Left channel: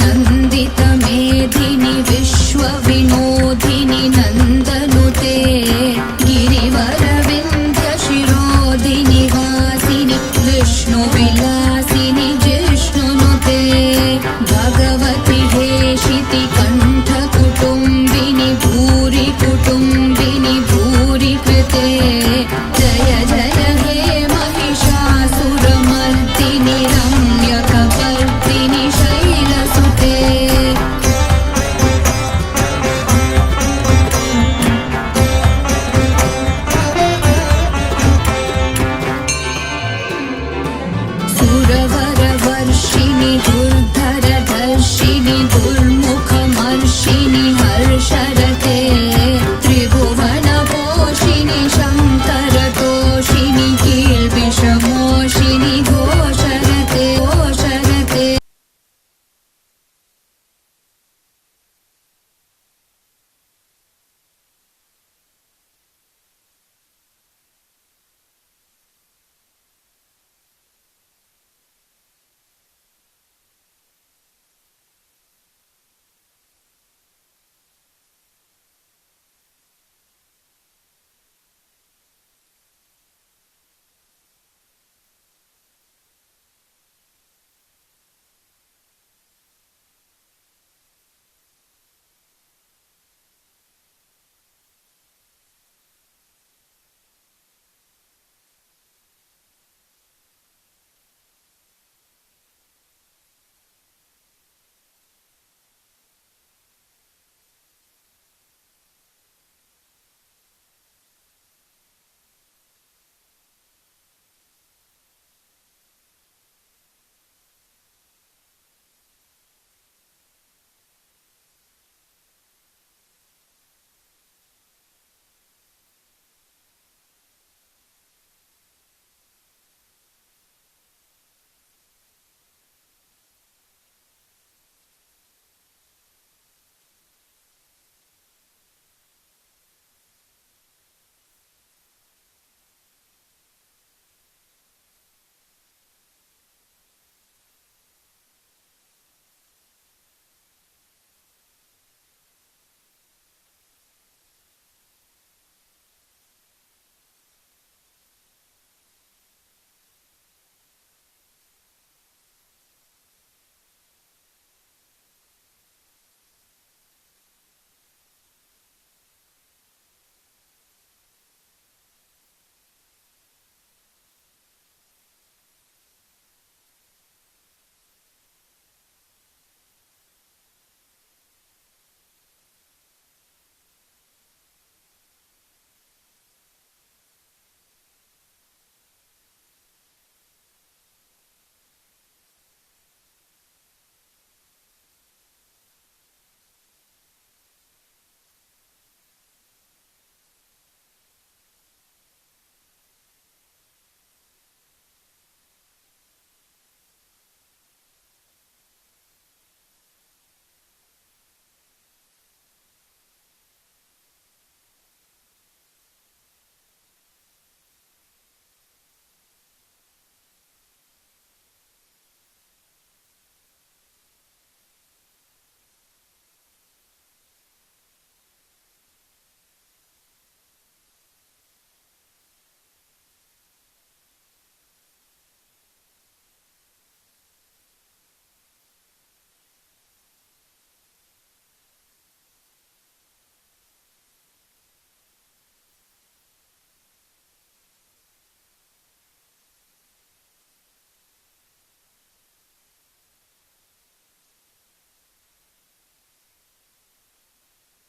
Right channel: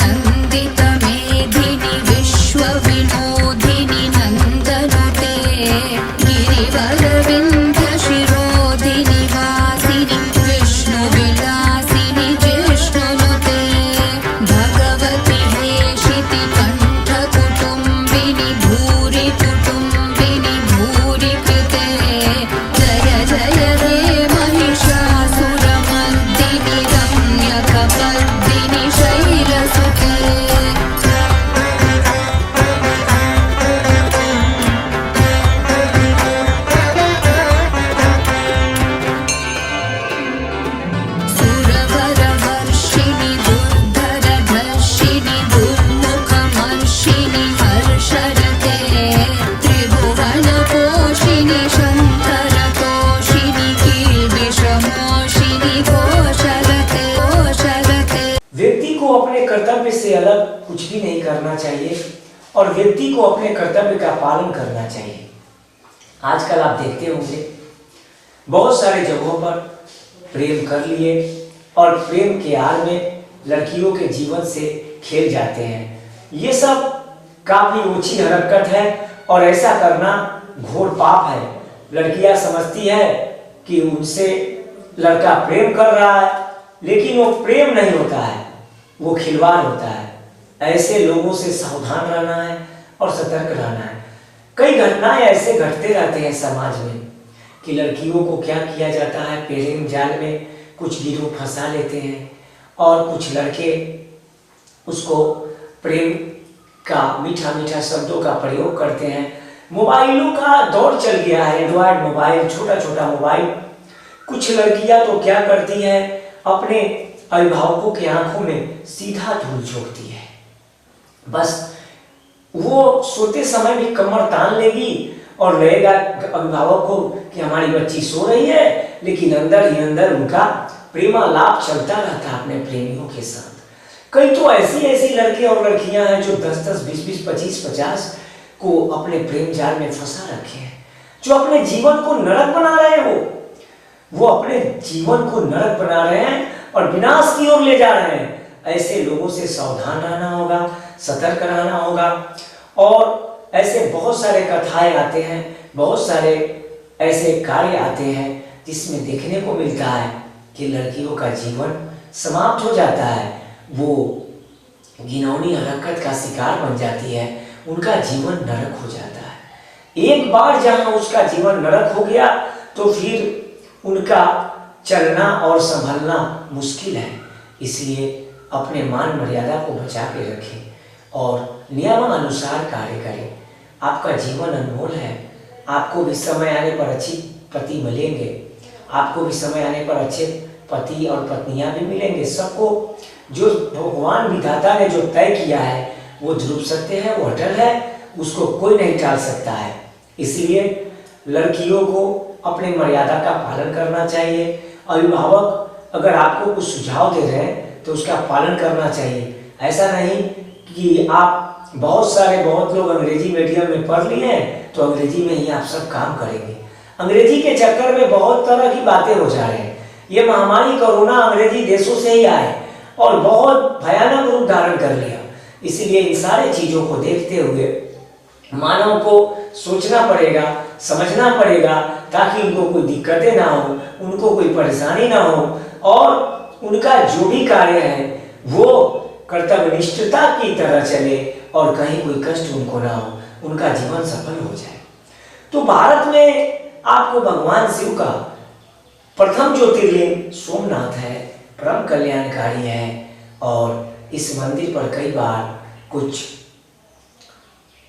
नन्दितमेधिनि विश्वविनोदिनि नन्दनुते गिरिवरविन्ध्यशिरोधिनि वासिनि विष्णुविलासिनि जिष्णुनुते भगवति हेशिति कण्ठकुटुम्बिनि भूरि कुटुम्बिनि भूरि कृते जय जय हे महिषासुरमर्दिनि रम्यकपर्दिनि शैलसुते सुरवरवर्षिणि दुर्धरधर्षिणि दुर्मुखमर्षिणि हर्षरते त्रिभुवनपोषिणि शङ्करतोषिणि कील्बिषमोषिणि घोषरते घोषरते। व्यक्ति को अपने कर्तव्य से अलग कुछ भी नहीं करना चाहिए और व्यक्ति को अपने कर्तव्य का पालन करना चाहिए। आजकल आप देखते होंगे बहुत सारे जगहों पर प्रेम कर लिए और प्रेम के आड़ में लड़कियों के जीवन से खेल जाते हैं। ये सब काफी ऊंची हरकत है और ऐसा करना घोर पाप है। लड़कियां समझती है कि उनसे लड़का प्रेम कर रहा है, लेकिन वो प्रेम नहीं होता है, वो खिलवाड़ होता है। ऐसे लोगों से सावधान रहना है और सतर्क रहना है। कई घटनाएं ऐसे घटते रहते हैं समाज में कि लड़कियों को क्या किया जाता है, प्रेम जाल में कुछ गिरोह फंसा लेते हैं और कुछ लड़के उसको प्रेम का मीठा मीठा शब्दों का प्रयोग करते हैं। मोबाइलों का दौर चल गया है, एंड्रॉयड मोबाइल, छोटा छोटा मोबाइल। कुछ लड़कियां तो क्या करती हैं, अपने अभिभावकों की आंखों में सीधा धूल झोंकती है। बस वो सोते समय भी कमर तान लेगी और रहेगा अभिभावक को कि हमारी बच्ची सो रही है, लेकिन अंदर ही अंदर उनका प्रेमालाप चलता रहता है अपने प्रेमियों के साथ। कई तो ऐसी लड़के और लड़कियां हैं जो 10-10, 20-20, 25-50 को अपने प्रेम जाल में फंसा रखे हैं, जो अपने जीवन को नरक बना रहे हैं। वो अपने जीवन को नरक बना रहे हैं और विनाश की ओर ले जा रहे हैं। ऐसे लोगों से सावधान रहना होगा, सतर्क रहना होगा। और ऐसे बहुत सारे कथाएं आते हैं, बहुत सारे ऐसे कार्य आते हैं जिसमें देखने को मिलता है कि लड़कियों का जीवन समाप्त हो जाता है, वो घिनौनी हरकत का शिकार बन जाती है, उनका जीवन नरक हो जाता है। एक बार जहां उसका जीवन नरक हो गया तो फिर उनका चलना और संभलना मुश्किल है। इसलिए अपने मान मर्यादा को बचा के रखें और नियमानुसार कार्य करें। आपका जीवन अनमोल है। आपको भी समय आने पर अच्छी पति मिलेंगे, आपको भी समय आने पर अच्छे पति और पत्नियां भी मिलेंगे। सबको जो भगवान विधाता ने जो तय किया है वो ध्रुव सत्य है, वो अटल है, उसको कोई नहीं टाल सकता है। इसलिए लड़कियों को अपने मर्यादा का पालन करना चाहिए। अभिभावक अगर आपको कुछ सुझाव दे रहे हैं तो उसका पालन करना चाहिए। ऐसा नहीं कि आप बहुत लोग अंग्रेजी मीडियम में पढ़ लिए हैं तो अंग्रेजी में ही आप सब काम करेंगे। अंग्रेजी के चक्कर में बहुत तरह की बातें हो जा रहे हैं। ये महामारी कोरोना अंग्रेजी देशों से ही आए और बहुत भयानक रूप धारण कर लिया। इसलिए इन सारी चीजों को देखते हुए मानव को सोचना पड़ेगा, समझना पड़ेगा, ताकि उनको कोई दिक्कतें ना हो, उनको कोई परेशानी ना हो और उनका जो भी कार्य है वो कर्तव्यनिष्ठता की तरह चले और कहीं कोई कष्ट उनको ना हो, उनका जीवन सफल हो जाए। तो भारत में आपको भगवान शिव का प्रथम ज्योतिर्लिंग सोमनाथ है, परम कल्याणकारी है और इस मंदिर पर कई बार कुछ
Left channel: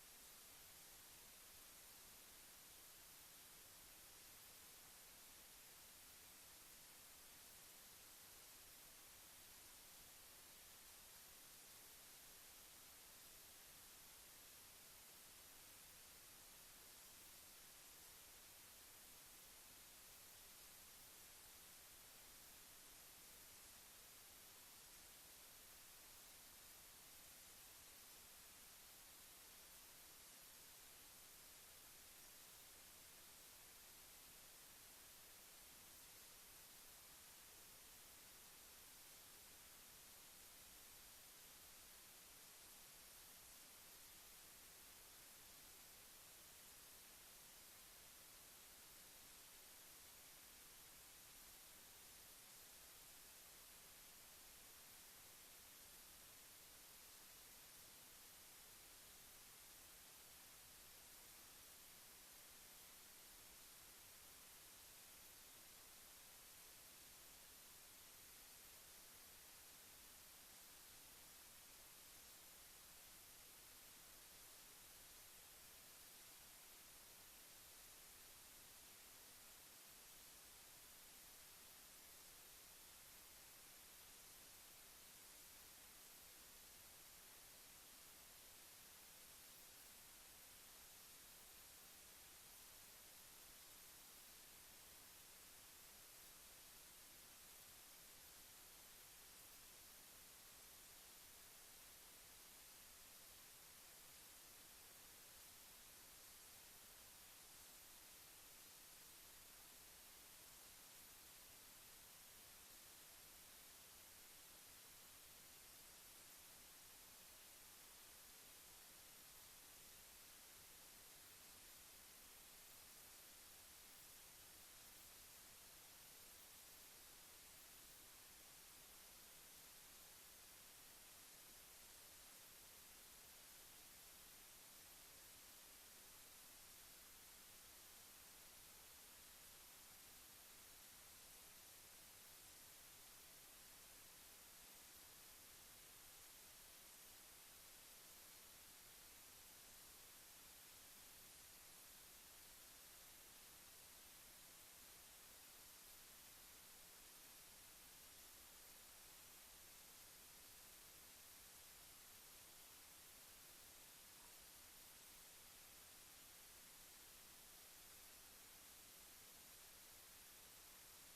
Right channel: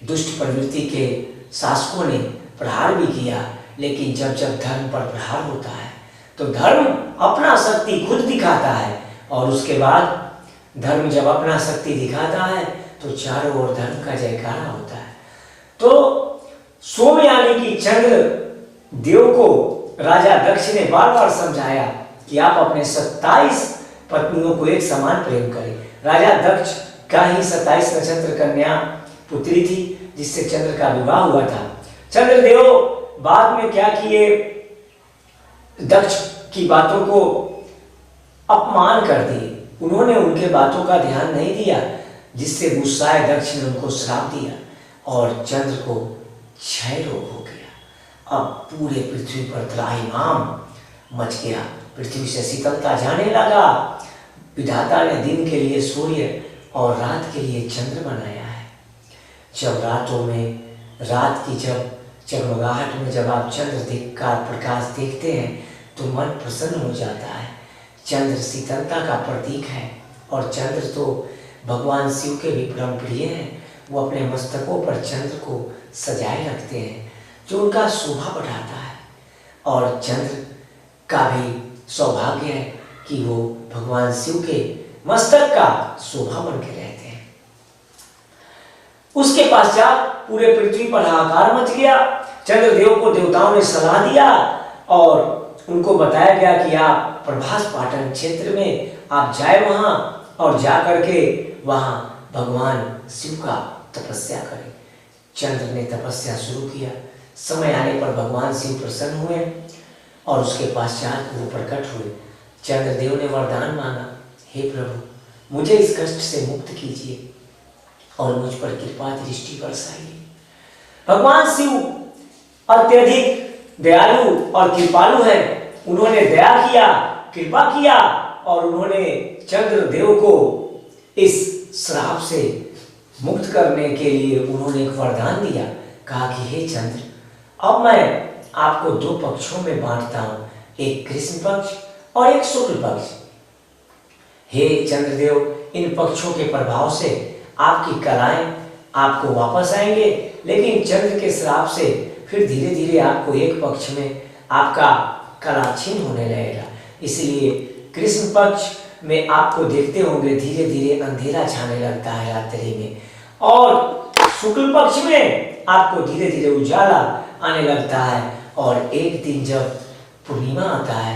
दुष्ट प्रवृत्ति के शासकों ने प्रहार भी किया, लेकिन जब जब धर्म पर प्रहार होता है तो धर्म अपना शक्ति खुद दिखाता है और उसके बाद धर्म जब अपना शक्ति दिखाता है तो चारों ओर धर्म का जयकारा होता है। तो सोम यानी कि चंद्र देव को राजा दक्ष ने बार बार समझाया कि आप अपने 27 पत्नियों को एक समान प्रेम करें। राजा दक्ष का ही 27 नक्षत्र कन्या पुत्री थी जिससे चंद्र का विवाह हुआ था। चंद्रदेव बाद में क्या किए, दक्ष की बातों को अपमान कर दिए, उन्होंने उनके बातों का ध्यान नहीं दिया, जिससे गुस्साए दक्ष ने उनको श्राप दिया और चंद्र को क्षय रोग हो गया। अब पूरे पृथ्वी पर त्राहिमाम मच गया, पृथ्वी से शीतलता जाने लगा। विधाता ने दिन के लिए सूर्य और रात के लिए चंद्र बनाया है। जब रातों में रात की जब जगमगाहट में जब आप चंद्र का प्रकाश देखते हैं तो मन प्रसन्न हो जाता है। चंद्र शीतलता का प्रतीक है और चंद्र तो भगवान शिव के भी परम प्रिय हैं। वो अपने मस्तकों पर चंद्र को सजाए रखते हैं, जो उनका शोभा बढ़ाता है। और चंद्र का भी सौभाग्य है कि वो भगवान शिव के मस्तक का शोभा बन के रहते हैं। उसके पश्चात पूरे पृथ्वी पर हाहाकार मच गया। चंद्रदेव को देवताओं ने सलाह दिया और उनको बताया गया कि आप प्रभास पाटन क्षेत्र में आप जाए वहां और जा करके वहां भगवान शिव का तपस्या करें। चंद्र ने तपस्या शुरू किया। समय आने पर भगवान शिव प्रसन्न हुए और उसके पश्चात वो प्रकट हुए। चंद्रदेव ने वरदान मांगा, हे प्रभु मुझे इस कष्ट से मुक्त कीजिए और मुझ पर कृपा दृष्टि बरसाइए। भगवान शिव अत्यधिक दयालु और कृपालु हैं। उन्होंने दया किया, कृपा किया और उन्होंने चंद्रदेव को इस श्राप से मुक्त करने के लिए उन्होंने एक वरदान दिया। कहा कि हे चंद्र, अब मैं आपको दो पक्षों में बांटता हूं, एक कृष्ण पक्ष और एक शुक्ल पक्ष। हे चंद्रदेव, इन पक्षों के प्रभाव से आपकी कलाएं आपको वापस आएंगे, लेकिन चंद्र के श्राप से फिर धीरे धीरे आपको एक पक्ष में आपका कला क्षीण होने लगेगा। इसलिए कृष्ण पक्ष में आपको देखते होंगे धीरे धीरे अंधेरा छाने लगता है रात्रि में, और शुक्ल पक्ष में आपको धीरे धीरे उजाला आने लगता है। और एक दिन जब पूर्णिमा आता है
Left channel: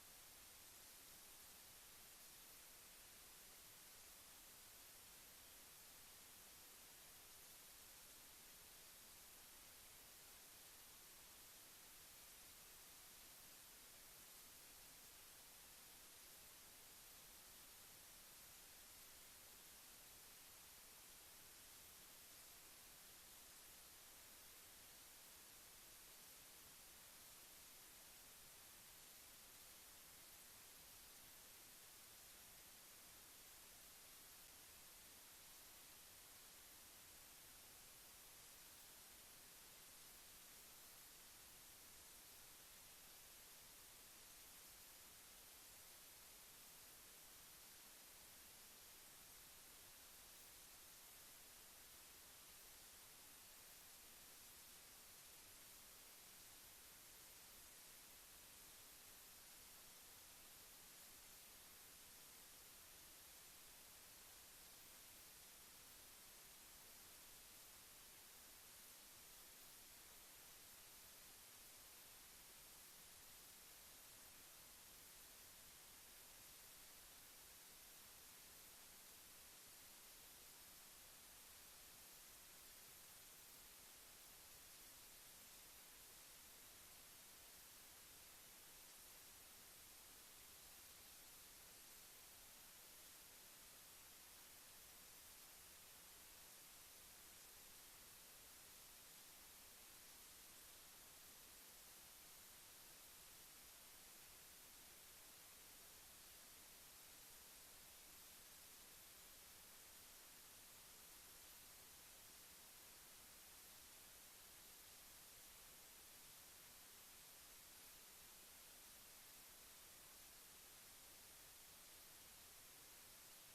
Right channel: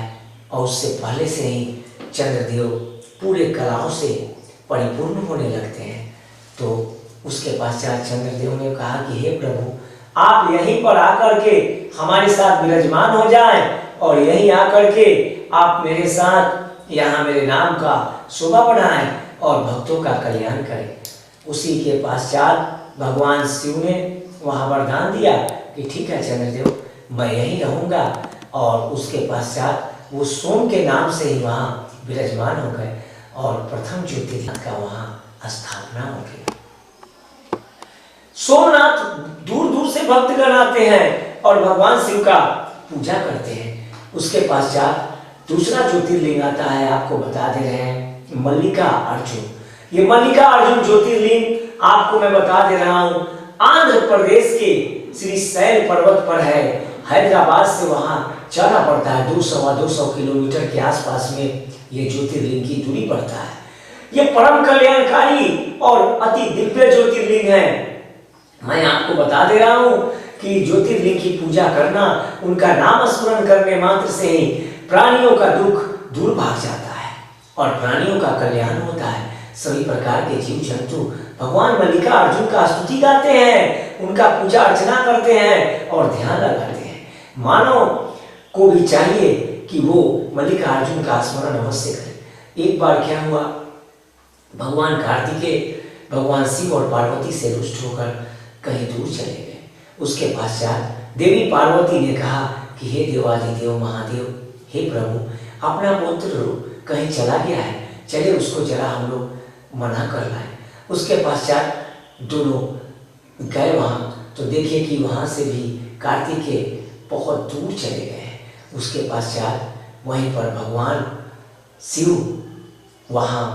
और उससे पहले से ही चंद्रदेव पूरे कलाओं से परिपूर्ण होने लगते हैं। तो उसके पश्चात चंद्रदेव ने कहा कि हे प्रभु, आप यहीं पर आकर के हमारे साथ विराजमान हो जाएं और यहीं आकर के आप मेरे साथ यहाँ मेरे नाम का शोभा बढ़ाएं और भक्तों का कल्याण करें। उसी के पश्चात भगवान शिव ने वहाँ वरदान दिया कि ठीक है चंद्रदेव, मैं यहीं रहूँगा। और उसके पश्चात वो सोम के नाम से ही वहाँ विराजमान हो गए और प्रथम ज्योतिर्लिंग का वहाँ स्थापना हो गई। सोमनाथ दूर दूर से भक्तगण आते हैं और भगवान शिव का पूजा करते हैं। उसके पश्चात दूसरा ज्योतिर्लिंग आता है, आपको बता दे रहे हैं, मल्लिका अर्जुन। ये मल्लिका अर्जुन ज्योतिर्लिंग आपको मैं बता दे रहा हूँ, आंध्र प्रदेश के श्री शैल पर्वत पर है। हैदराबाद से वहाँ जाना पड़ता है, 200 किलोमीटर के आसपास में ये ज्योतिर्लिंग की दूरी पड़ता है। ये परम कल्याणकारी और अति दिव्य ज्योतिर्लिंग है। मैं आपको बता दे रहा हूँ कि ज्योतिर्लिंग की पूजा करना, उनका नाम स्मरण करने मात्र से ही प्राणियों का दुख दूर भाग जाता है और प्राणियों का कल्याण होता है। सभी प्रकार के जीव जंतु भगवान मल्लिका अर्जुन का स्तुति गाते हैं, उनका पूजा अर्चना करते हैं और ध्यान लगाते हैं। मानव को भी चाहिए कि वो मल्लिका अर्जुन का स्मरण अवश्य करे। एक बार क्या हुआ, भगवान कार्तिकेय भगवान शिव और पार्वती से रुष्ट होकर कहीं दूर चले गए। उसके पश्चात देवी पार्वती ने कहा कि हे देवादिदेव महादेव, हे प्रभु, अपना पुत्र कहीं चला गया है, चले उसको जरा हम लोग मना कर लाए। उसके पश्चात दोनों गए वहाँ, तो देखिए कि वहाँ से भी कार्तिकेय बहुत दूर चले गए हैं। उसके पश्चात वहीं पर भगवान शिव वहाँ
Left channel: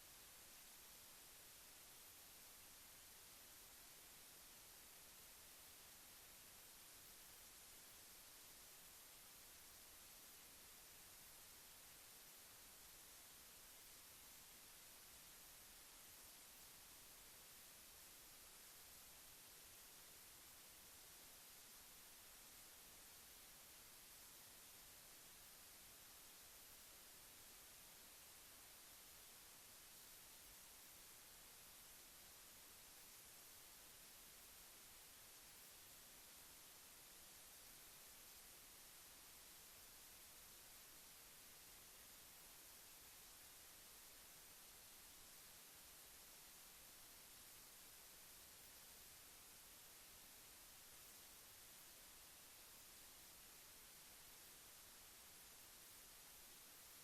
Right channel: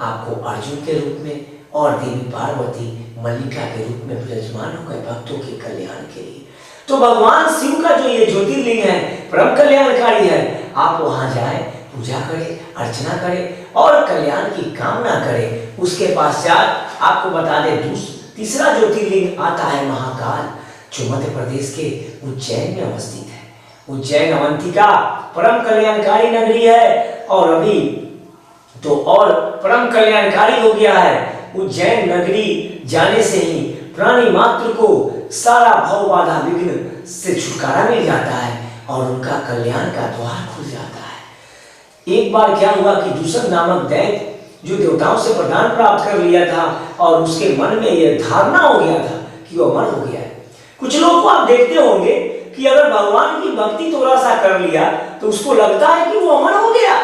आपको अर्जुन के रूप में और देवी पार्वती मल्लिका के रूप में विराजमान हो गए भक्तों के कल्याण के लिए। तो भगवान शिव का जो ये ज्योतिर्लिंग है परम कल्याणकारी है। आप वहाँ जाए, पूजा करें, अर्चना करें और कल्याण की कामना करें। उसके पश्चात आपको बता दें तीसरा ज्योतिर्लिंग आता है महाकाल, जो मध्य प्रदेश के उज्जैन में अवस्थित है। उज्जैन अवंतिका परम कल्याणकारी नगरी है और अभी तो और परम कल्याणकारी हो गया है। उज्जैन नगरी जाने से ही प्राणी मात्र को सारा भव बाधा विघ्न से छुटकारा मिल जाता है और उनका कल्याण का द्वार खुल जाता है। एक बार क्या हुआ कि दूषण नामक दैत्य जो देवताओं से वरदान प्राप्त कर लिया था और उसके मन में यह धारणा हो गया था कि वो अमर हो गया है। कुछ लोग को आप देखते होंगे कि अगर भगवान की भक्ति थोड़ा सा कर लिया तो उसको लगता है कि वो अमर हो गया,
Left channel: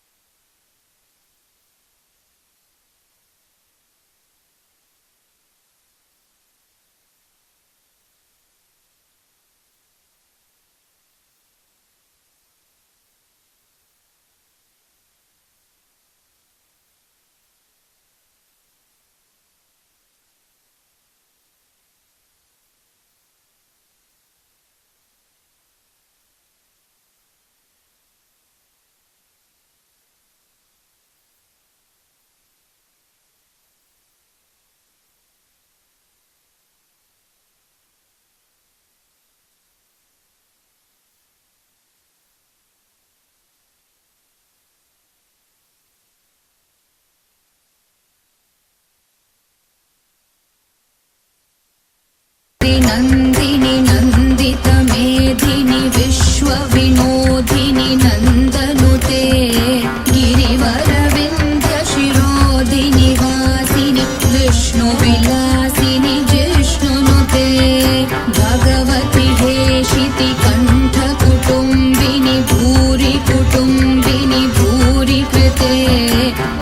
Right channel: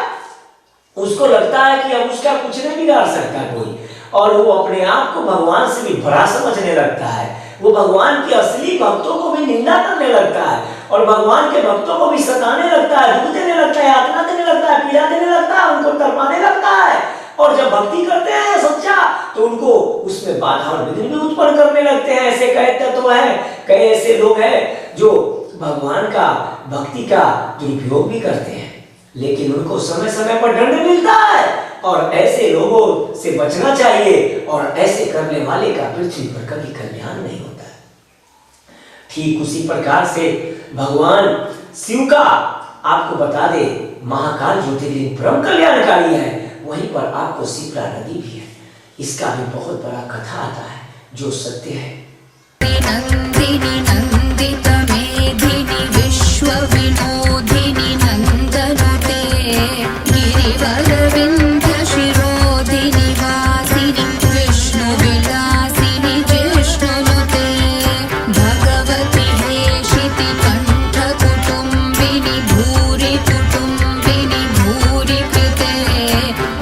उसको लगता है कि अब उसका कुछ नहीं बिगाड़ सकता कोई, और वो अपने आप को भगवान से भी बड़ा समझने लगता है। वो भगवान के असली भक्तों को भी निंदा करने लगता है और भगवान के भक्तों को भी सताने लगता है, दुख देने लगता है, यातना देने लगता है, पीड़ा देने लगता है, उनको तड़पाने लगता है। और जब भक्ति करते हैं सच्चा तो उनको उसमें बाधा और विघ्न भी उत्पन्न करने लगते हैं। ऐसे कई तत्व हैं, कई ऐसे लोग हैं जो भगवान का भक्ति का दुरुपयोग भी करते हैं, लेकिन उनको समय समय पर दंड मिलता है और ऐसे लोगों से बचना चाहिए और ऐसे करने वाले का पृथ्वी पर कभी कल्याण नहीं होता है। ठीक उसी प्रकार से भगवान शिव का आपको बता दे महाकाल ज्योतिर्लिंग परम कल्याणकारी है, वहीं पर आपको शिप्रा नदी भी है। इसका भी बहुत बड़ा कथा आता है जो सत्य है। नंदिनी नंदित मेधिनी विश्व विनोदिनी नंदनुते गिरिवर विंध्य शिरोधिनी वासिनी विष्णु विलासिनी जिष्णुनुते भगवती हेशिति कंठ कुटुंबिनी भूरि कुटुंबिनी भूरि कृते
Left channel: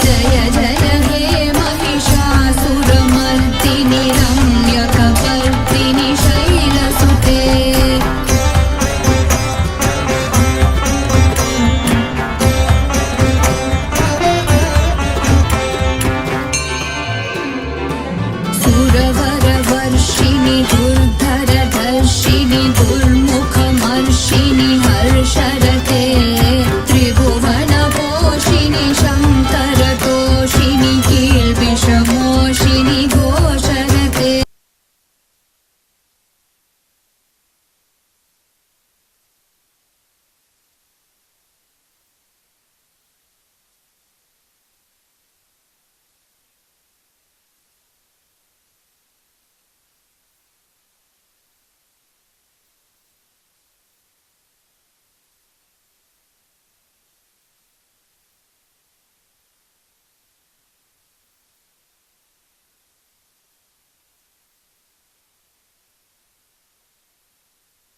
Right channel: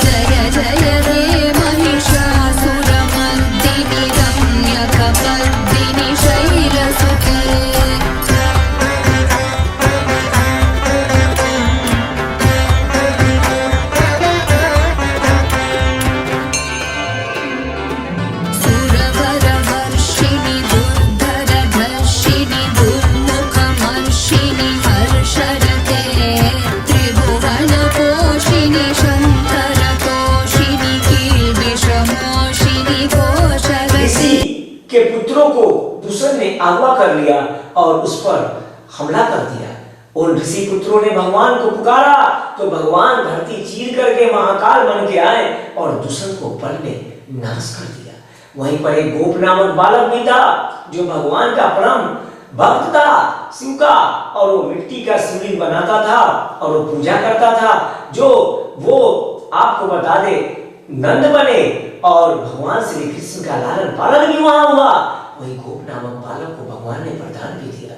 जय जय हे महिषासुरमर्दिनी रम्यकपर्दिनी शैलसुते। सुरवरवर्षिणि दुर्धरधर्षिणि दुर्मुखमर्षिणि हर्षरते त्रिभुवनपोषिणि शङ्करतोषिणि कील्बिषमोषिणि घोषरते। के पुत्रों को दूसरे ने अगवा कर लिया और उस पर हमला कर दिया। उन ऋषि पुत्रों ने भगवान को पुकारा तो भगवान धरती चीर करके महाकाल बन के आए और दूषण को पल में नाश कर दिया। वहीं पर एक गोप नामक बालक भी था जो भगवान का परम भक्त था शिव का, और वो मिट्टी का शिवलिंग बनाता था और वो पूजा करता था। जो वो आपको बता दे नंद बने और भगवान श्री कृष्ण का लालन पालन भी वहां हुआ। वही गोप नामक बालक को भगवान ने वरदान भी दिया।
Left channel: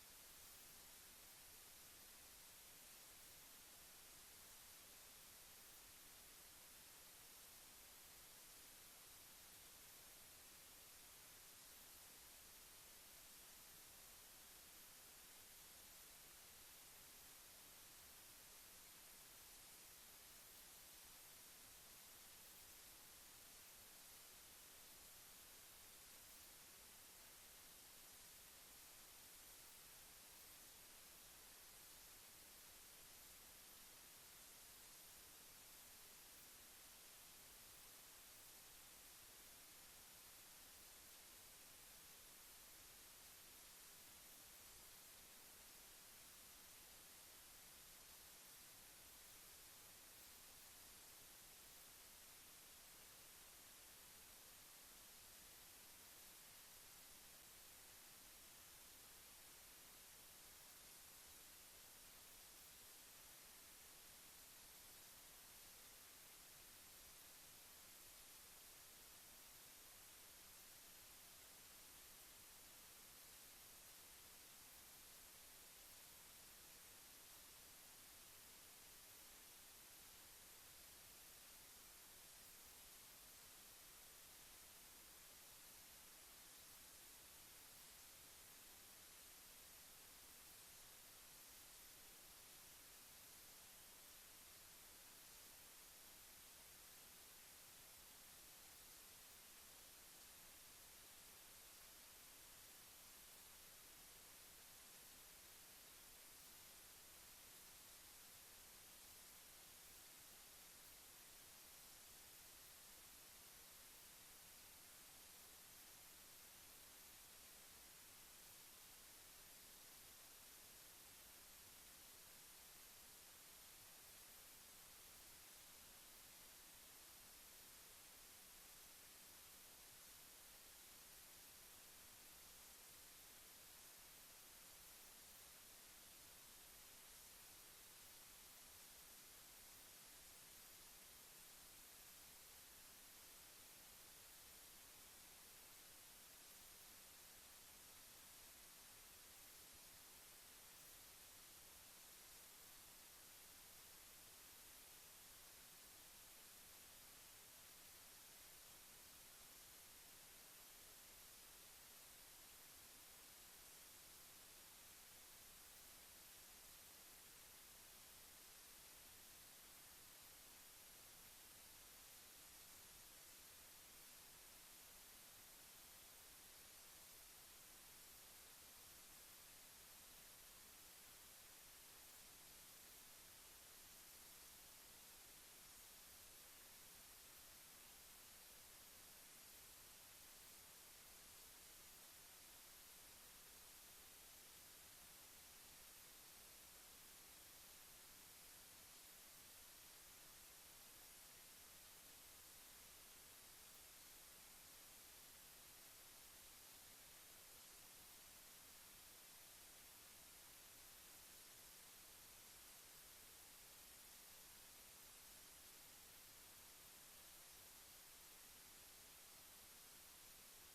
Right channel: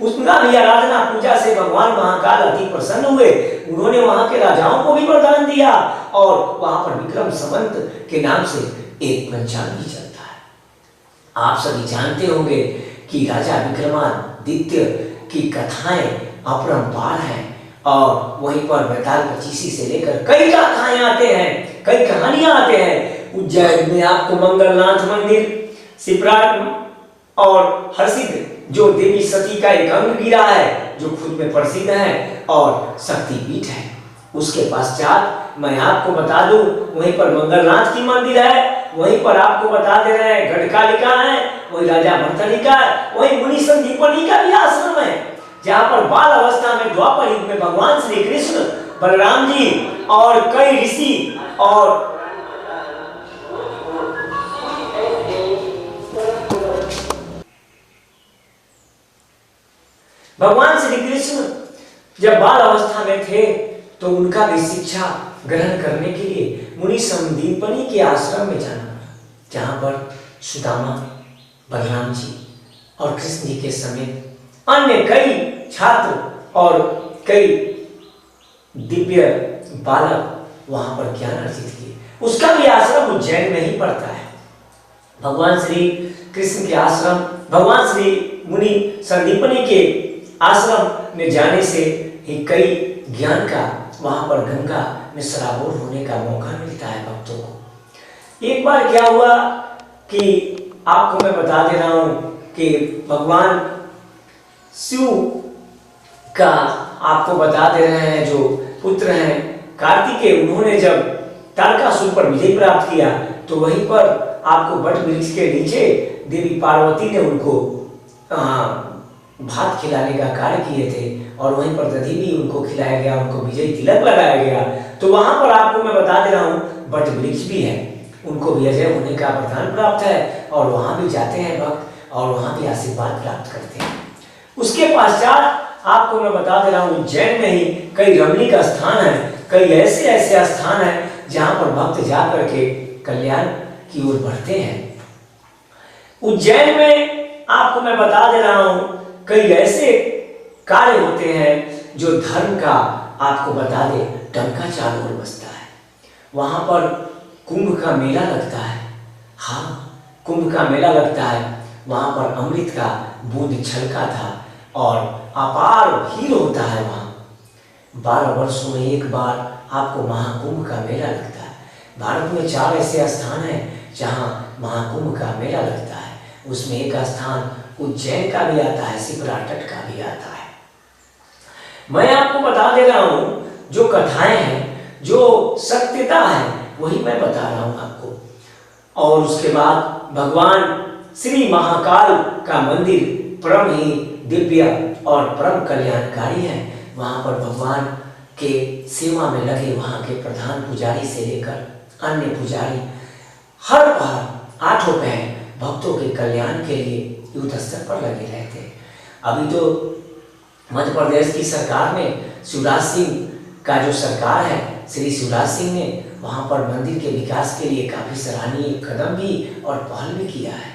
उसका भी आराधना पूजा से भगवान महाकाल अति प्रसन्न हुए। उन्होंने वहां के राजाओं को भी वरदान दिया और वहां पर विक्रम संवत के नाम से एक पंचांग भी चलता है। आप सभी जानते होंगे कि राजा विक्रमादित्य की कथाएं अपरंपार हैं और वहीं पर बेताल पचीसी से लेकर कई गाथाएं आते हैं, कई कहानियां आते हैं। उज्जैन में आपको मंगलनाथ मंदिर, शिप्रा और हर्षिद जो देवी सती का एक अंग गिरा है जो खुद में प्रसिद्ध है और शक्तिपीठ है। उसके पश्चात मैं आपको बता दूं वहीं पर मंगलनाथ की मंदिर है, वहीं पर आपको बता दे रहे हैं गढ़कालिका है, वही राजा भर्तृहरि का, वही मुनि संदीपनी का भी आश्रम है जहाँ पर बाल अवस्था में द्वापर युग में भगवान श्री कृष्ण, बलराम जी और कई ऋषि और भगवान श्री कृष्ण जब बाल अवस्था में थे तो उनका भी शिक्षा ग्रहण करने के लिए मुनि संदीपनी के आश्रम में जाना पड़ा, जहाँ पर सुदामा, बलराम जी और कृष्ण जी के समेत अन्य कई छात्र और कई दिव्य बालक वहां पर ज्ञान अर्जित किए। उसका भी आश्रम उज्जैन में ही पड़ता है। भगवान श्री कृष्ण के आश्रम, भगवान श्री मुनि संदीपनी के आश्रम में जाने से ही कई ज्ञान का वहां पर गंगा में सराबोर होने का मौका मिलता है भक्तों को। एक बार क्या हुआ कि आपको मैं बता दे रहा हूं कि भगवान शिव का आपको बता दे रहे हैं जो पुत्र हैं कार्तिकेय, उन्होंने जब तारकासुर पर विजय प्राप्त किया तो वहीं पर आपको वट वृक्ष के नीचे देवी पार्वती ने उनको भात खिलाने का कार्य किए थे और वहीं पर दधी भी उनको खिलाया गया, उनको विजय तिलक लगाया गया। तो वहां पर आपको मैं बता दे रहा हूँ वट वृक्ष भी है, उनको भी अजय होने का वरदान प्राप्त है और वहां भी जाते हैं भक्त और वहां भी आशीर्वाद प्राप्त करते हैं। उसके पश्चात आपको मैं बता दे रहा हूँ उज्जैन में ही कई रमणीक स्थान है, कई ऐसे स्थान है जहां पर भक्त जा करके कल्याण की ओर बढ़ते हैं। उज्जैन में आपको मैं बता दे रहा हूं कई ऐसे कार्य होते हैं जो धर्म का आपको बता दे डंका चारों ओर बजता है। वहां पर कुंभ का मेला लगता है। हाँ, कुंभ का मेला लगता है। वहां पर अमृत का बूंद छलका था और अपार भीड़ होता है। वहां 12 वर्षों में एक बार आपको महाकुंभ का मेला लगता है। भारत में 4 ऐसे स्थान हैं जहां महाकुंभ का मेला लगता है। उसमें एक स्थान उज्जैन का भी आता है, शिप्रा तट का भी आता है। मैं आपको बता दे रहा हूं जो कथाएं हैं, जो सत्यता है, वही मैं बता रहा हूं आपको। और उसके बाद भगवान श्री महाकाल का मंदिर परम ही दिव्य और परम कल्याणकारी है। वहां पर भगवान के सेवा में लगे वहां के प्रधान पुजारी से लेकर अन्य पुजारी हर पहर 8 पहर भक्तों के कल्याण के लिए युद्ध स्तर पर लगे रहते हैं। अभी तो मध्य प्रदेश की सरकार ने शिवराज सिंह का जो सरकार है, श्री शिवराज सिंह ने वहां पर मंदिर के विकास के लिए काफी सराहनीय कदम भी और पहल भी किया है।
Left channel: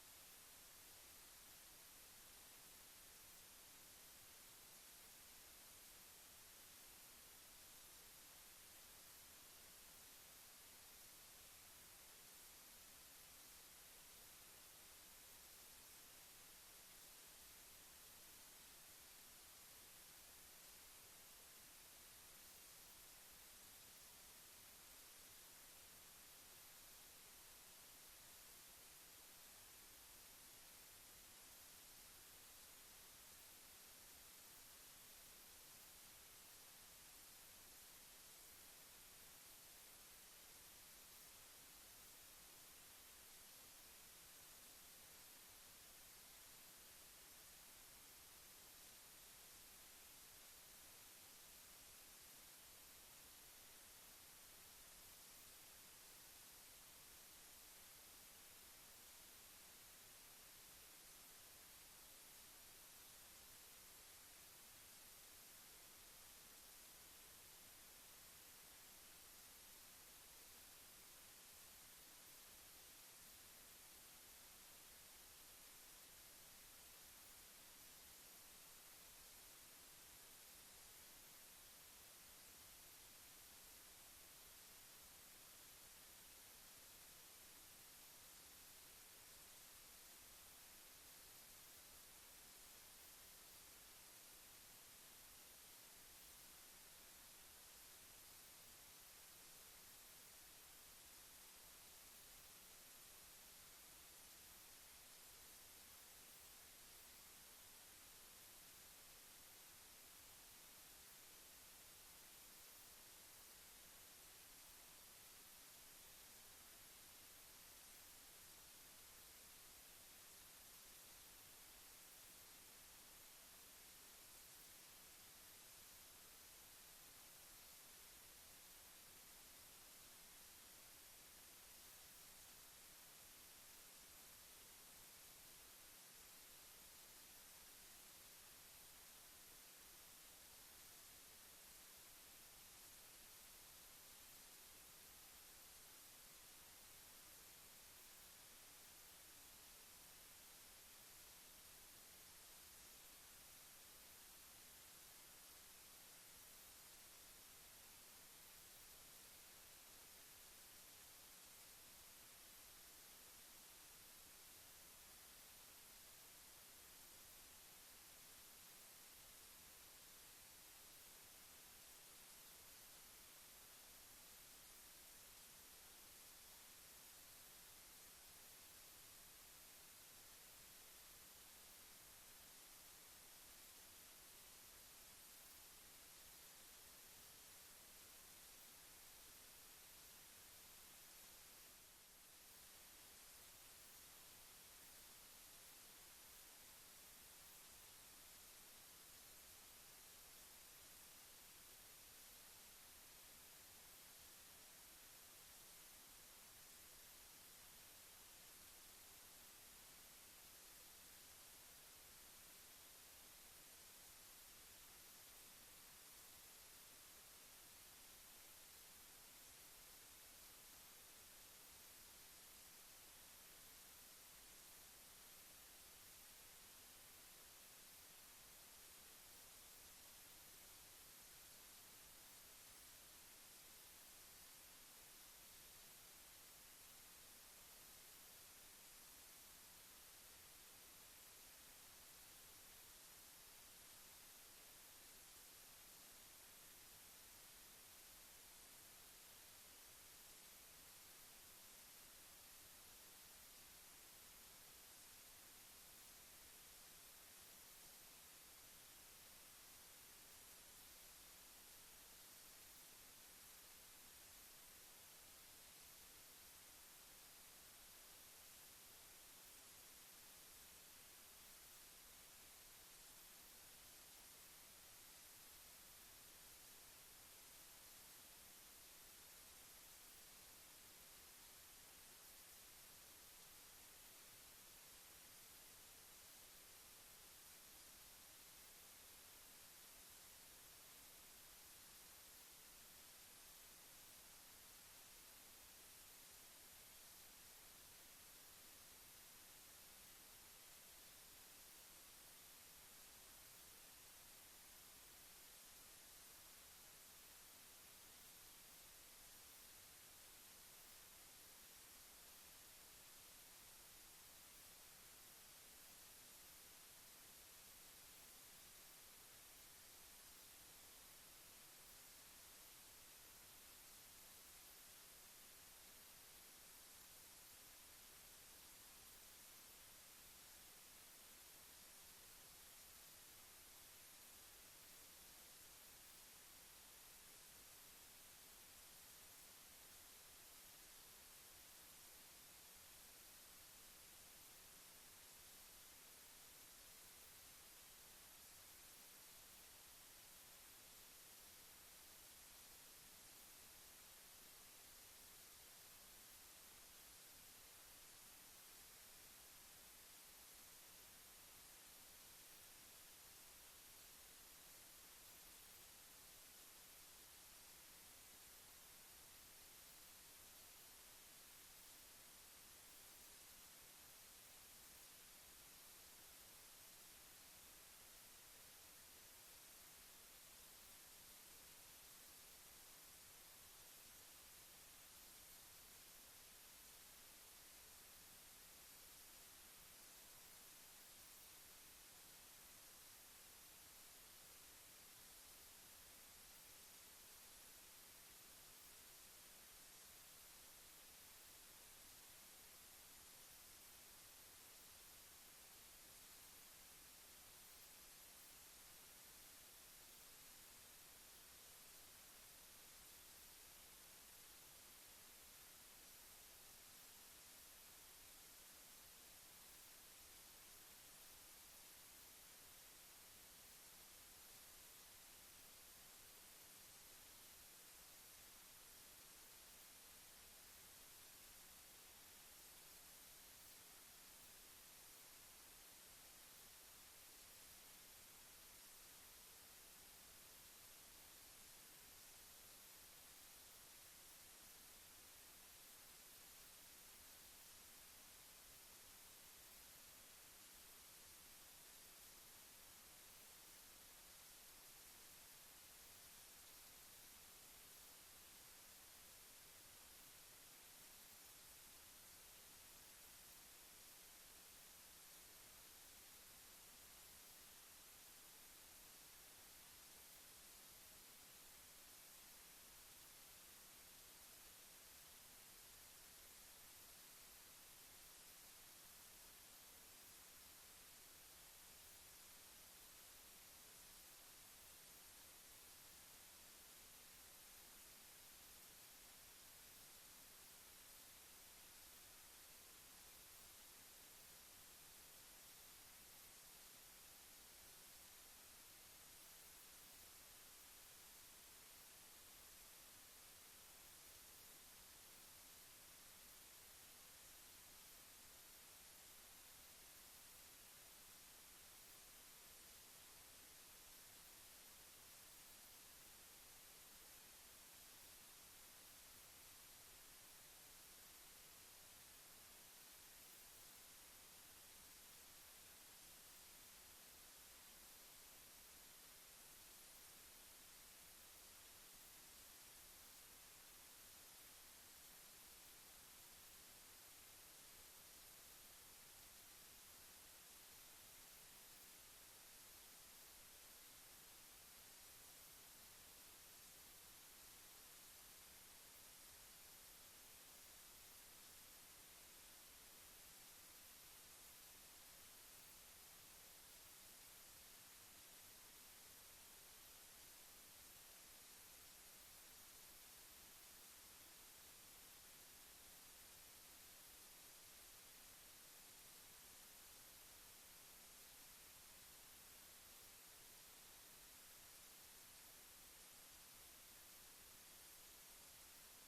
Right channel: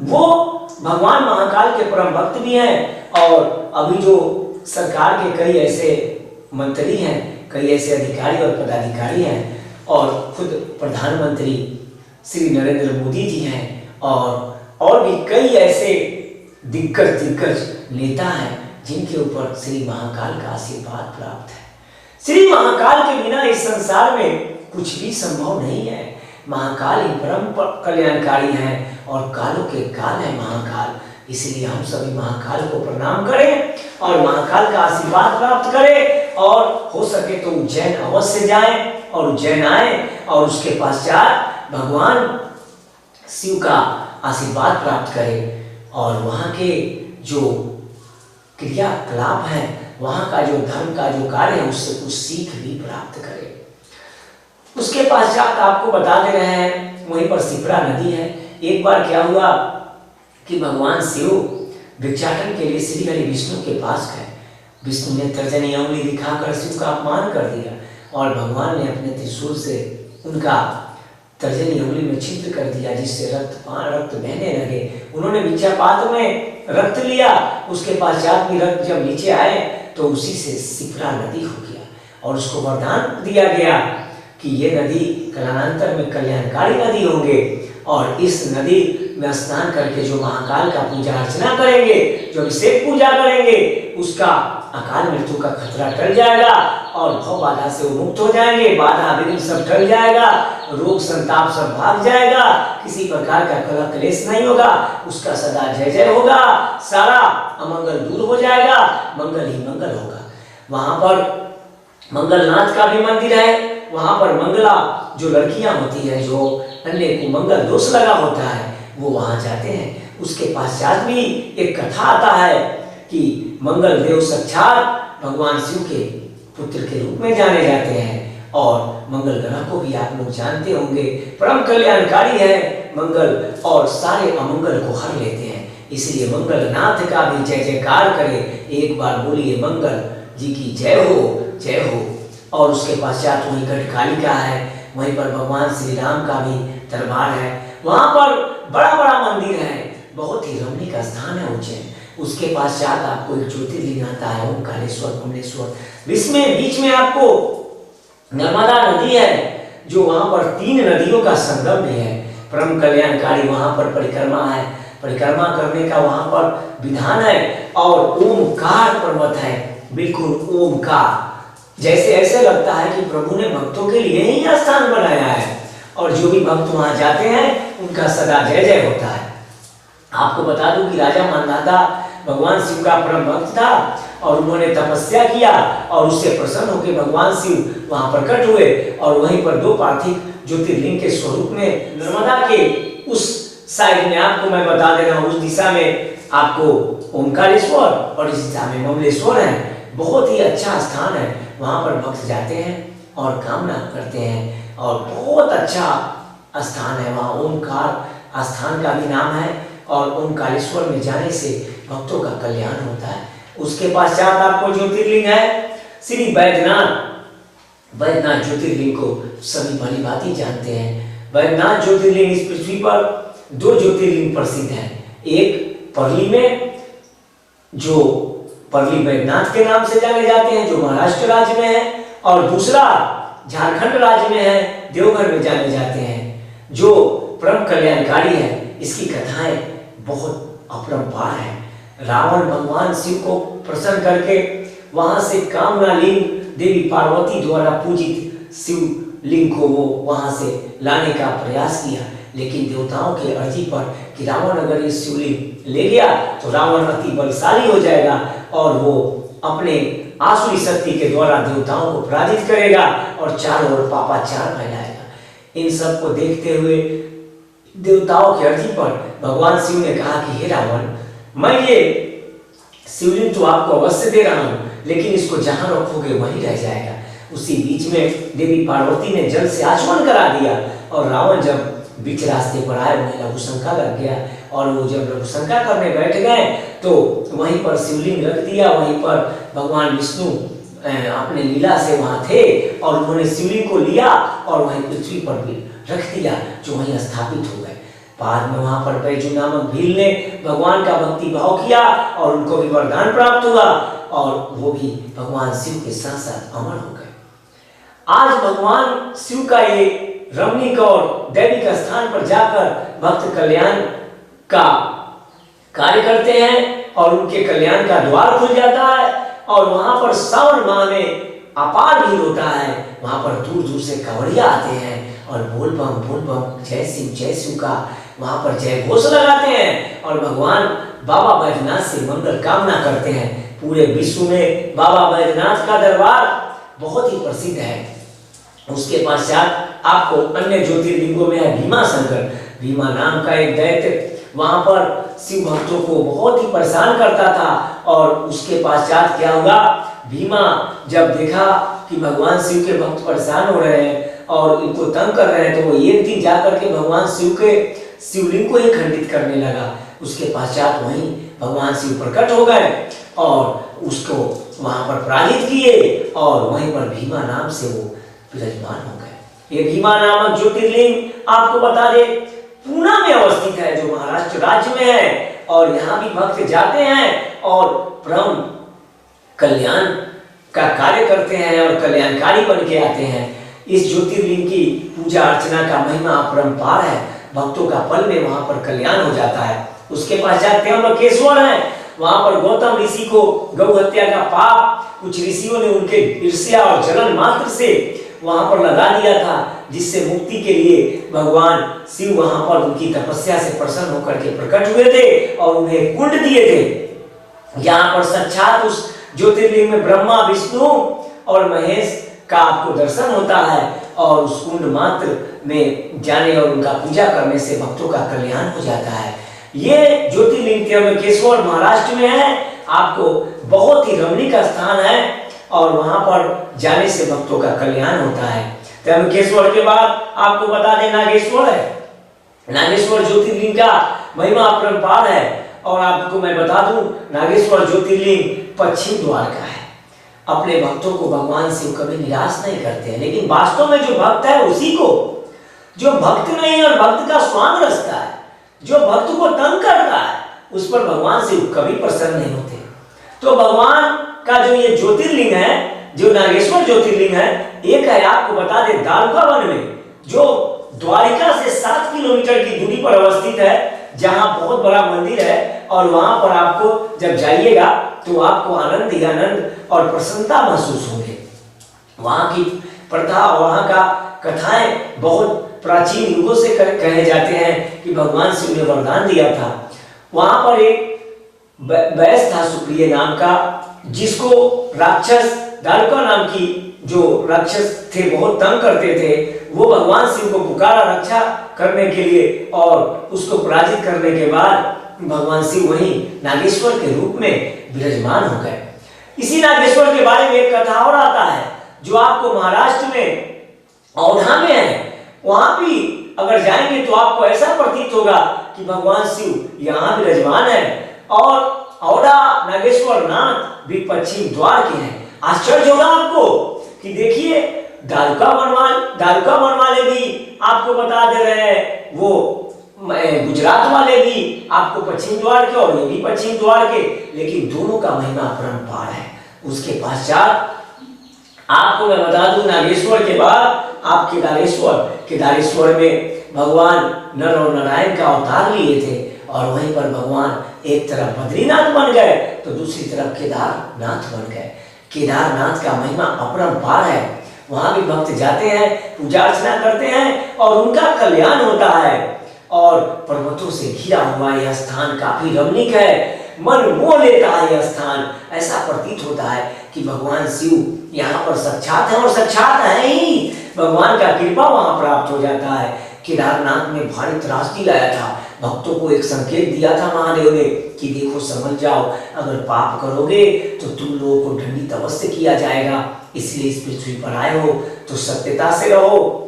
वो भगवान महाकाल के परम भक्त भी हैं और अभी जो सरकार के कई ऐसे मंत्री हैं, कई ऐसे अधिकारी और पदाधिकारी हैं और खुद प्रधानमंत्री श्री नरेंद्र मोदी जी हैं और भी कई ऐसे दिग्गज नेता हैं जिनके ऊपर श्री महाकाल का आशीर्वाद प्राप्त है। श्री महाकाल के बिना इस संसार में कुछ भी संभव नहीं है। महाकाल ही परम कल्याणकारी हैं और कालों के काल है महाकाल। इसलिए हम सभी महाकाल को प्रणाम करें और महाकाल का आशीर्वाद प्राप्त करें और हो सके तो उज्जैन अवश्य जाएं और उज्जैन आए और उसके पश्चात भगवान शिव का आशीर्वाद प्राप्त करें और वहाँ के जो क्रियाकलाप है, वहाँ का जो धर्म का जो कार्य है, उससे कुछ सीख भी प्राप्त करें। उसके पश्चात आपको बता दे रहे हैं वहीं पर शिप्रा नदी है। एक बार क्या हुआ कि भगवान शिव भिक्षाटन के लिए श्री हरि विष्णु के पास गए। विष्णु ने तर्जनी अंगुली दिखाकर शिव का अपमान कर दिया और भगवान ने अपने त्रिशूल से उनका तर्जनी अंगुली में छिद्र कर दिया, जिससे रक्त बहने लगे। उन्होंने भिक्षापात्र में रक्त लिया, उसके पश्चात भी रक्त जब नीचे आए तो उसी से शिप्रा नदी हो गया और उसको वरदान दिया गया कि ये नदी कालांतर में कल्याणकारी नदी होंगे और इस नदी में स्नान करके जो महाकाल का पूजा अर्चना करेंगे, जो अभिषेक पूजा करेंगे, उसका अकाल मृत्यु का खतरा टल जाएगा और भव बाधा से वो मुक्त हो जाएंगे। बाधा विघ्न सब टल जाएगा, रोग संताप सब भाग जाएगा, किसी प्रकार का कलह क्लेश नहीं होगा, उसका सदा जय जय होगा, सारा अमंगल दूर हो जाएगा, मंगल ही मंगल होगा। वहां पर मंगलनाथ का भी मंदिर है। वहां पर मंगला जो लड़कियां होती है, जो अन्य को मंगल दोष लगा होता है, वो वहां जाते हैं। उसके पश्चात भी एक कथा आता है कि मंगल देव साक्षात भगवान शिव के पुत्र के रूप में जाने जाते हैं और मंगल ग्रह को भी आप लोग जानते होंगे, परम कल्याणकारी है मंगल और सारे अमंगल को हर लेते हैं। इसलिए मंगलनाथ का भी जय जयकार करें, एक बार बोलिए मंगल जी की जय हो, जय हो। और उसके पश्चात वही गढ़कालिका है, वहीं पर भगवान श्री राम का भी दरबार है। वहां पर बड़ा बड़ा मंदिर है, बहुत ही रमणीक स्थान है उज्जैन। उसके पश्चात आपको एक ज्योतिर्लिंग आता है, ओमकारेश्वर कमलेश्वर। बीच में आपको नर्मदा नदी है, जो वहां पर 3 नदियों का संगम भी है, परम कल्याणकारी। वहां पर परिक्रमा है, परिक्रमा करने का वहां पर विधान है और ओमकार पर्वत है, बिल्कुल ओमकार, जैसे ऐसे लगता है कि प्रभु ने भक्तों के लिए ही स्थान बनाया है और जो भी भक्त वहां जाते हैं उनका सदा जय जय होता है। आपको बता दूं कि राजा मानधाता भगवान शिव का परम भक्त था और उन्होंने तपस्या किया और उससे प्रसन्न होकर भगवान शिव वहां प्रकट हुए और वहीं पर 2 पार्थिव ज्योतिर्लिंग के स्वरूप में नर्मदा के उस साइड में आपको मैं बता दे रहा हूँ, उस दिशा में आपको ओमकारेश्वर और इस दिशा में कमलेश्वर है। बहुत ही अच्छा स्थान है, वहां पर भक्त जाते हैं और कामना करते हैं और बहुत अच्छा स्थान है। वहाँ ओमकार स्थान का भी नाम है और ओमकारेश्वर में जाने से भक्तों का कल्याण होता है। उसके पश्चात आपको ज्योतिर्लिंग है श्री बैद्यनाथ। वैद्यनाथ ज्योतिर्लिंग को सभी भली भांति जानते हैं। वैद्यनाथ ज्योतिर्लिंग इस पृथ्वी पर 2 ज्योतिर्लिंग प्रसिद्ध हैं। एक परली में, जो परली वैद्यनाथ के नाम से जाने जाते हैं, जो महाराष्ट्र राज्य में है, और दूसरा झारखंड राज्य में है, देवघर में जाने जाते हैं, जो परम कल्याणकारी है। इसकी कथाएं बहुत अपरंपार है। रावण भगवान शिव को प्रसन्न करके वहां से कामना लिंग देवी पार्वती द्वारा पूजित शिवलिंग को वो वहां से लाने का प्रयास किया, लेकिन देवताओं के अर्जी पर कि रावण अगर ये शिवलिंग ले गया तो रावण अति बलशाली हो जाएगा और वो अपने आसुरी शक्ति के द्वारा देवताओं को पराजित करेगा और चारों ओर पापाचार फैलाएगा। इन सब को देखते हुए देवताओं की अर्जी पर भगवान शिव ने कहा कि हे रावण, मैं ये शिवलिंग तो आपको अवश्य दे रहा हूं, लेकिन इसको जहां रखोगे वहीं रह जाएगा। उसी बीच में देवी पार्वती ने जल से आचमन करा दिया और रावण जब बीच रास्ते पर आए, उन्हें लघुशंका लग गया और वो जब लघुशंका करने बैठ गए तो वहीं पर शिवलिंग रख दिया। वहीं पर भगवान विष्णु अपने लीला से वहां थे और उन्होंने शिवलिंग को लिया और वहीं पृथ्वी पर भी रख दिया, जो वहीं स्थापित हो गए। बाद में वहां पर बैजू नामक भील ने भगवान का भक्ति भाव किया और उनको भी वरदान प्राप्त हुआ और वो भी भगवान शिव के साथ साथ अमर हो गए। आज भगवान शिव का ये रमणीक और दैविक स्थान पर जाकर भक्त कल्याण का कार्य करते हैं और उनके कल्याण का द्वार खुल जाता है और वहां पर सावन माह में अपार भीड़ होता है। वहां पर दूर दूर से कांवड़िया आते हैं और बोल बम जय शिव का वहां पर जय घोष लगाते हैं और भगवान बाबा बैजनाथ से मंगल कामना करते हैं। पूरे विश्व में बाबा बैजनाथ का दरबार बहुत ही प्रसिद्ध है। उसके पश्चात आपको अन्य ज्योतिर्लिंगों में है भीमा शंकर। भीमा नाम का एक दैत्य वहां पर शिव भक्तों को बहुत ही परेशान करता था और उसके पश्चात क्या हुआ, भीमा जब देखा कि भगवान शिव के भक्त परेशान हो रहे हैं और इनको तंग कर रहे हैं, तो वो एक दिन जाकर के भगवान शिव के शिवलिंग को ही खंडित करने लगा। उसके पश्चात वहीं भगवान शिव प्रकट हो गए और उसको वहां पर पराजित किए और वहीं पर भीमा नाम से वो विराजमान हो गए। ये भीमा नामक ज्योतिर्लिंग आपको बता दे पूना में अवस्थित है, जो महाराष्ट्र राज्य में है और यहाँ भी भक्त जाते हैं और परम कल्याण का कार्य करते हैं और कल्याणकारी बन के आते हैं। इस ज्योतिर्लिंग की पूजा अर्चना का महिमा अपरंपार है। भक्तों का पल में वहां पर कल्याण हो जाता है। उसके पश्चात त्र्यंबकेश्वर है। वहां पर गौतम ऋषि को गौ हत्या का पाप कुछ ऋषियों ने उनके ईर्ष्या और जलन मात्र से वहां पर लगा दिया था, जिससे मुक्ति के लिए भगवान शिव वहां पर उनकी तपस्या से प्रसन्न होकर के प्रकट हुए थे और उन्हें कुंड दिए थे। यहाँ पर साक्षात उस ज्योतिर्लिंग में ब्रह्मा विष्णु और महेश का आपको दर्शन होता है और उस कुंड मात्र में जाने और उनका पूजा करने से भक्तों का कल्याण हो जाता है। ये ज्योतिर्लिंग त्र्यंबकेश्वर महाराष्ट्र में है। आपको बहुत ही रमणीक स्थान है और वहां पर जाने से भक्तों का कल्याण होता है। त्र्यंबकेश्वर के बाद आपको बता दें नागेश्वर है। नागेश्वर ज्योतिर्लिंग का महिमा अपरंपार है और आपको मैं बता दूं नागेश्वर ज्योतिर्लिंग पश्चिम द्वार का है। अपने भक्तों को भगवान शिव कभी निराश नहीं करते हैं, लेकिन वास्तव में जो भक्त है उसी को, जो भक्त नहीं और भक्त का स्वांग रचता है, जो भक्त को तंग करता है, उस पर भगवान शिव कभी प्रसन्न नहीं होते। तो भगवान का जो ये ज्योतिर्लिंग है, जो नागेश्वर ज्योतिर्लिंग है, एक है आपको बता दे दारुका वन में, जो द्वारिका से 7 किलोमीटर की दूरी पर अवस्थित है, जहां बहुत बड़ा मंदिर है और वहां पर आपको जब जाइएगा तो आपको आनंद ही आनंद और प्रसन्नता महसूस होगी। वहां की प्रथा, वहां का कथाएं बहुत प्राचीन युगों से कहे जाते हैं कि भगवान शिव ने वरदान दिया था। वहां पर एक वैश्य था सुप्रिय नाम का, जिसको राक्षस दारुका नाम की जो राक्षस थे बहुत तंग करते थे। वो भगवान शिव को पुकारा रक्षा करने के लिए और उसको पराजित करने के बाद भगवान शिव वहीं नागेश्वर के रूप में विराजमान हो गए। इसी नागेश्वर के बारे में एक कथा और आता है जो आपको महाराष्ट्र में औधा में है। वहां भी अगर जाएंगे तो आपको ऐसा प्रतीत होगा कि भगवान शिव यहाँ विराजमान है और औधा नागेश्वर नाथ भी पश्चिम द्वार के हैं। आश्चर्य होगा आपको कि देखिए दारुका वन वाले भी आपको बता दे रहे हैं, वो गुजरात वाले भी आपको पश्चिम द्वार के और ये भी पश्चिम द्वार के, लेकिन दोनों का महिमा अपरंपार है। उसके पश्चात आपको मैं बता दूं, नागेश्वर के बाद आप केदारेश्वर में भगवान नर और नारायण का अवतार लिए थे, और वहीं पर भगवान एक तरफ बद्रीनाथ बन गए तो दूसरी तरफ केदारनाथ बन गए। केदारनाथ का महिमा अपरंपार है, वहां भी भक्त जाते हैं, पूजा अर्चना करते हैं और उनका कल्याण होता है। और पर्वतों से घिरा हुआ यह स्थान काफी रमणीक है, मन मोह लेता है यह स्थान। ऐसा प्रतीत होता है कि भगवान शिव यहाँ पर साक्षात है, और साक्षात है ही, भगवान का कृपा वहां प्राप्त हो जाता है। केदारनाथ में भारी त्रासदी लाया था, भक्तों को एक संकेत दिया था महादेव ने कि देखो समझ जाओ, अगर पाप करोगे तो तुम लोगों को दंडित अवश्य किया जाएगा, इसलिए इस पृथ्वी पर आए हो तो सत्यता से रहो,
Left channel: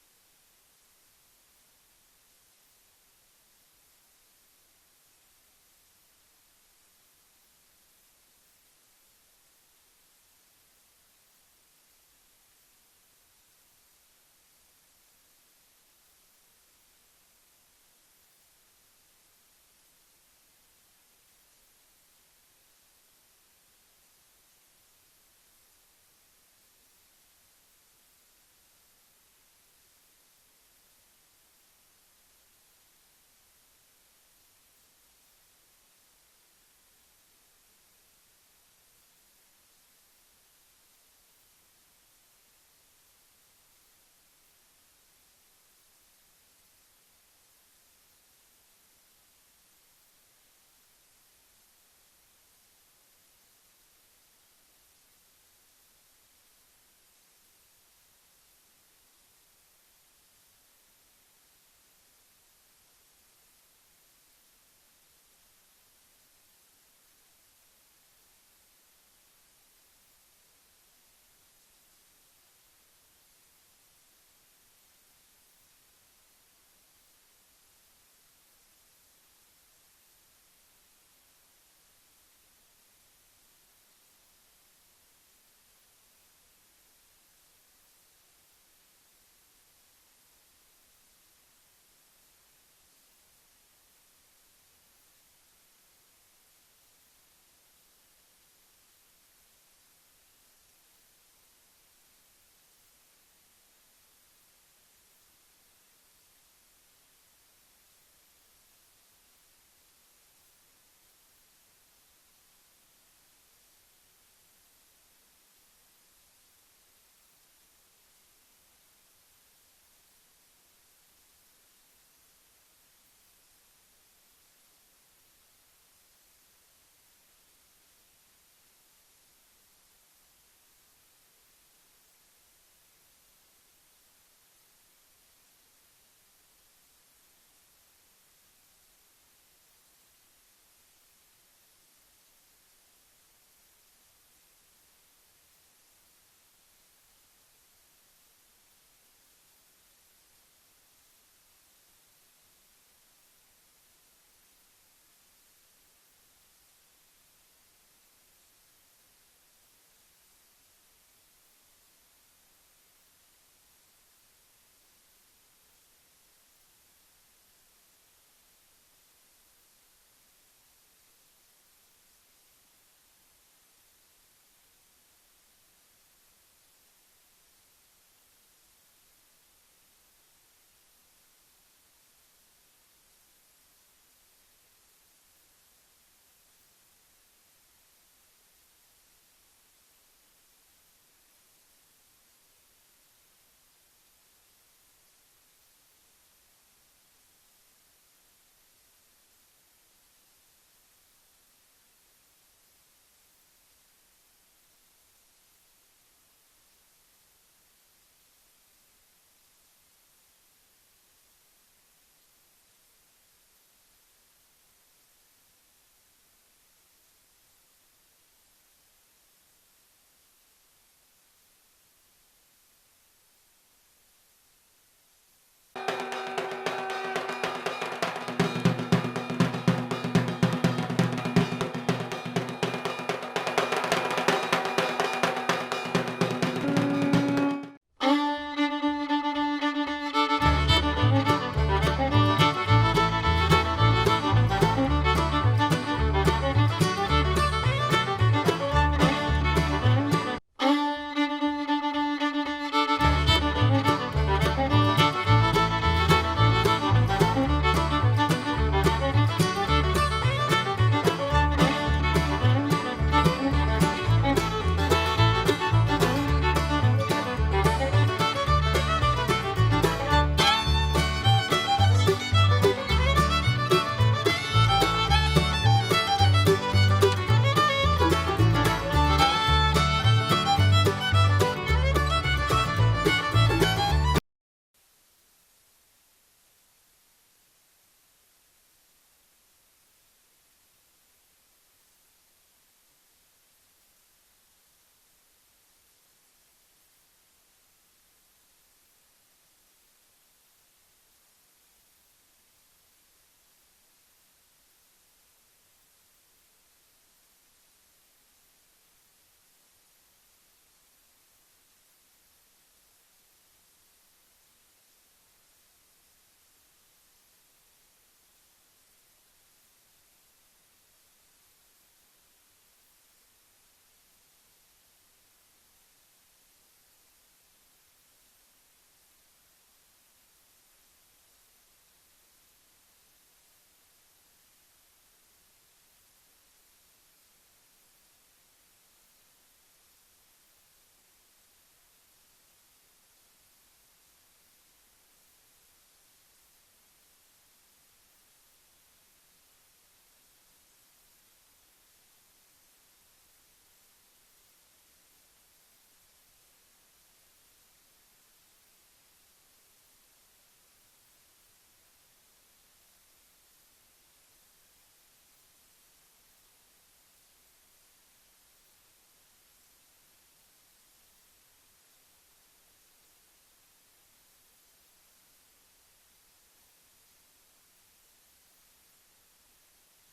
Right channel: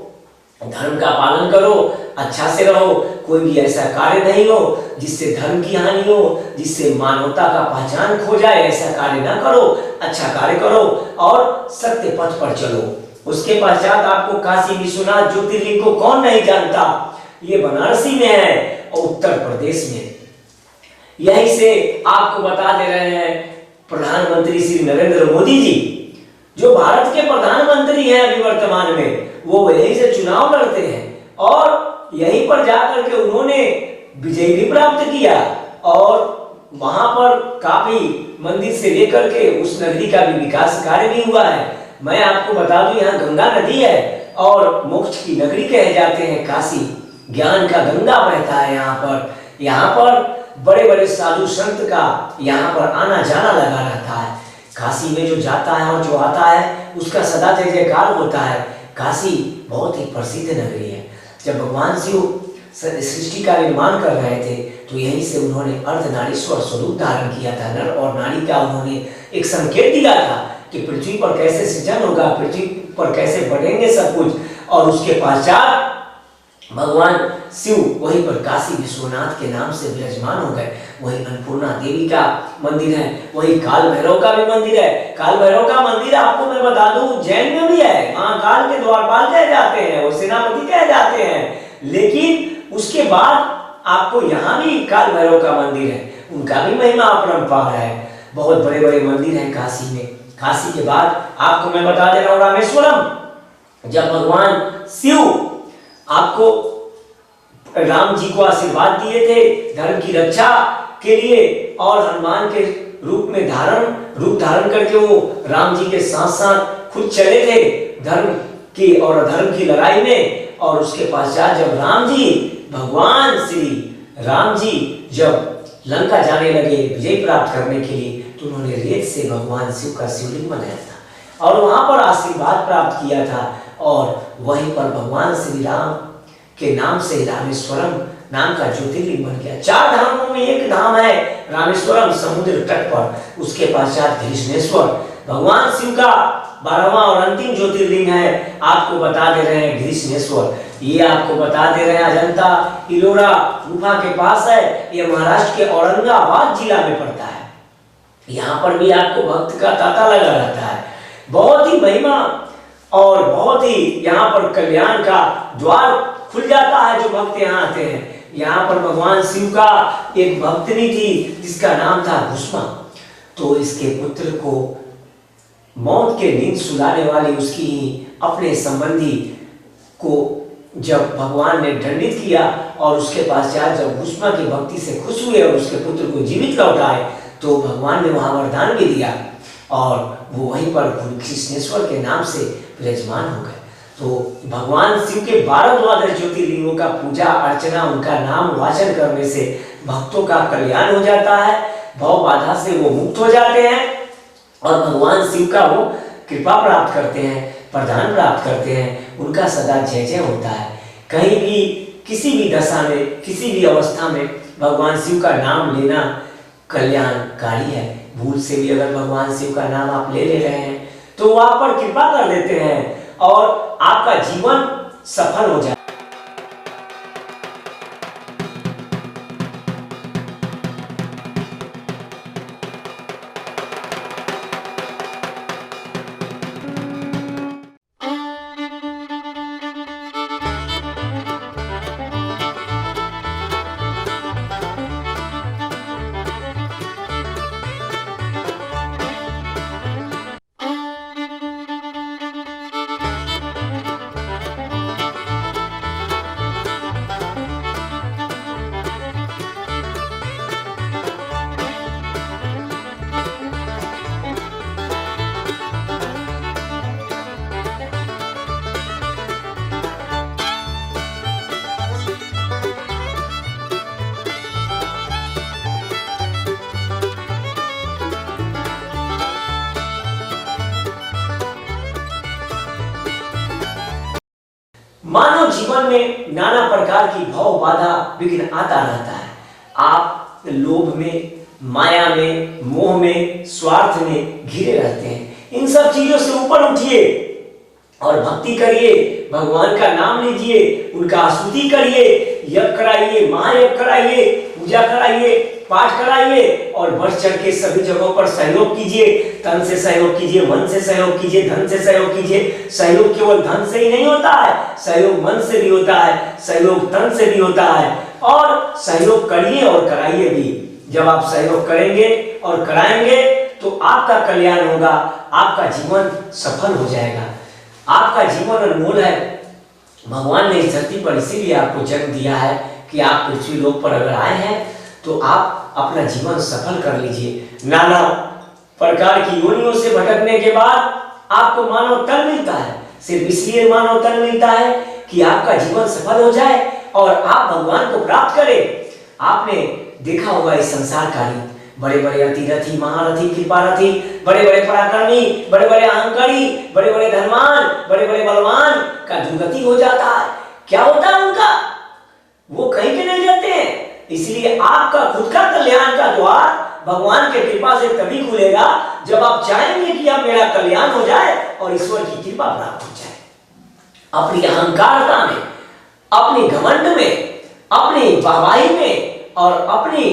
धर्म का पालन करो, अच्छा से रहो, कोई भी ऐसा कार्य नहीं हो जिससे धर्म की हानि हो, जिससे मानवता का पहचान खो जाए, ऐसा कार्य ना करो, अच्छा कार्य करो और सत्य पथ पर चलो। उसके पश्चात आपको काशी विश्वनाथ ज्योतिर्लिंग को कौन नहीं जानता, ये बनारसी में है और उत्तर प्रदेश में। यहीं से आपको बता दे रहे हैं प्रधानमंत्री श्री नरेंद्र मोदी जी, जो भारत के प्रधानमंत्री हैं अभी वर्तमान में, वो यहीं से चुनाव लड़ते हैं और यहीं पर जाकर के उन्होंने विजय भी प्राप्त किया, और वहां पर काफी मंदिर से लेकर के उस नगरी का भी विकास कार्य भी हुआ है। मैं आपको बता दूं, यहाँ गंगा नदी है और मोक्ष की नगरी कहे जाते हैं काशी, ज्ञान का गंगा बहता है यहाँ पर बड़े बड़े साधु संत का यहाँ पर आना जाना लगा रहता है। काशी में जो जाता है और जो आता है उसका सदा जय जयकार होता है। काशी बहुत ही प्रसिद्ध नगरी है। जब भगवान शिव सृष्टि का निर्माण कर रहे थे तो यहीं से उन्होंने अर्धनारीश्वर स्वरूप धारण किया था। नर और नारी का उन्होंने एक संकेत दिया था कि पृथ्वी पर कैसे सृजन होगा, पृथ्वी पर कैसे बढ़ेंगे सब कुछ। और उसके पश्चात भगवान शिव वहीं पर काशी विश्वनाथ के नाम से विराजमान हो गए। वहीं अन्नपूर्णा देवी का मंदिर है, वहीं काल भैरव का भी मंदिर है। काल भैरव का मंदिर आपको मैं बता दूं उज्जैन में भी है, महाकाल के द्वारपाल कहे जाते हैं और सेनापति कहे जाते हैं। लेकिन उसके बाद आपको यहाँ भी काल भैरव का मंदिर है, उनका भी महिमा अपरंपार है। बहुत बड़े बड़े मंदिर हैं काशी में। काशी के बाद आपको मैं बता दे रहा हूँ रामेश्वरम। जब भगवान शिव आपको राम जी को आशीर्वाद दिए थे धर्म की रक्षा के लिए, और हनुमान के रूप धारण करके वो राम जी के साथ साथ खुद चले थे धर्म की और अधर्म की लड़ाई में। और उसके पश्चात जब भगवान श्री राम जी जब लंका जाने लगे विजय प्राप्त करने के लिए, तो उन्होंने रेत से भगवान शिव का शिवलिंग बनाया था और वहां पर आशीर्वाद प्राप्त किया था। और वहीं पर भगवान श्री राम के नाम से रामेश्वरम नाम का ज्योतिर्लिंग बन गया। 4 धामों में एक धाम है रामेश्वरम, समुद्र तट पर। उसके पश्चात घृष्णेश्वर भगवान शिव का 12वां और अंतिम ज्योतिर्लिंग है। आपको बता दे रहे हैं घृष्णेश्वर, ये आपको बता दे रहे हैं अजंता इलोरा गुफा के पास है। ये महाराष्ट्र के औरंगाबाद जिला में पड़ता है। यहाँ पर भी आपको भक्त का तांता लगा रहता है। बहुत ही महिमा और बहुत ही यहाँ पर कल्याण का द्वार खुल जाता है जो भक्त यहाँ आते हैं। यहाँ पर भगवान शिव का एक भक्तनी थी जिसका नाम था भूष्मा। तो इसके पुत्र को मौत के नींद सुलाने वाली उसकी अपने संबंधी को जब भगवान ने दंडित किया और उसके पश्चात जब भूष्मा की भक्ति से खुश हुए और उसके पुत्र को जीवित लौटाए, तो भगवान ने वहां वरदान भी दिया और वो वहीं पर कृष्णेश्वर के नाम से विराजमान हो गए। तो भगवान शिव के 12 द्वादश ज्योतिर्लिंगों का पूजा अर्चना, उनका नाम वाचन करने से भक्तों का कल्याण हो जाता है, भव बाधा से वो मुक्त हो जाते हैं और भगवान शिव का वो कृपा प्राप्त करते हैं, प्रदान प्राप्त करते हैं। उनका सदा जय जय होता है। कहीं भी किसी भी दशा में किसी भी अवस्था में भगवान शिव का नाम लेना कल्याणकारी है। भूल से भी अगर भगवान शिव का नाम आप ले रहे हैं तो वो आप पर कृपा कर देते हैं और आपका जीवन सफल हो जाए। प्रकार की भव बाधा विघ्न आता रहता है। आप लोभ में, माया में, मोह में, स्वार्थ में घिरे रहते हैं। इन सब चीजों से ऊपर उठिए और भक्ति करिए, भगवान का नाम लीजिए, उनका स्तुति करिए, यज्ञ कराइए, महायज्ञ कराइए, पूजा कराइए, पाठ कराइए और बढ़ चढ़ के सभी जगहों पर सहयोग कीजिए। तन से सहयोग कीजिए, मन से सहयोग कीजिए, धन से सहयोग कीजिए। सहयोग केवल धन से ही नहीं होता है, सहयोग मन से भी होता है, सहयोग तन से भी होता है। और सहयोग करिए और कराइए भी। जब आप सहयोग करेंगे और कराएंगे तो आपका कल्याण होगा, आपका जीवन सफल हो जाएगा। आपका जीवन अनमोल है। भगवान ने इस धरती पर इसीलिए आपको जन्म दिया है कि आप पृथ्वी लोक पर अगर आए हैं तो आप अपना जीवन सफल कर लीजिए। नाना प्रकार की योनियों से भटकने के बाद आपको मानव तन मिलता है। सिर्फ इसलिए मानव तन मिलता है कि आपका जीवन सफल हो जाए और आप भगवान को प्राप्त करें। आपने देखा होगा इस संसार का रीत, बड़े बड़े अतिरथी, महारथी, कृपारथी, बड़े बड़े पराक्रमी, बड़े बड़े अहंकारी, बड़े बड़े धनवान, बड़े बड़े बलवान का दुर्गति हो जाता है। क्या होता है उनका? वो कहीं के नहीं जाते हैं। इसलिए आपका खुद का कल्याण का द्वार भगवान के कृपा से तभी खुलेगा जब आप चाहेंगे कि अब मेरा कल्याण हो जाए और ईश्वर की कृपा प्राप्त हो जाए। अपनी अहंकारता में, अपने घमंड में, अपनी वाहवाही में और अपनी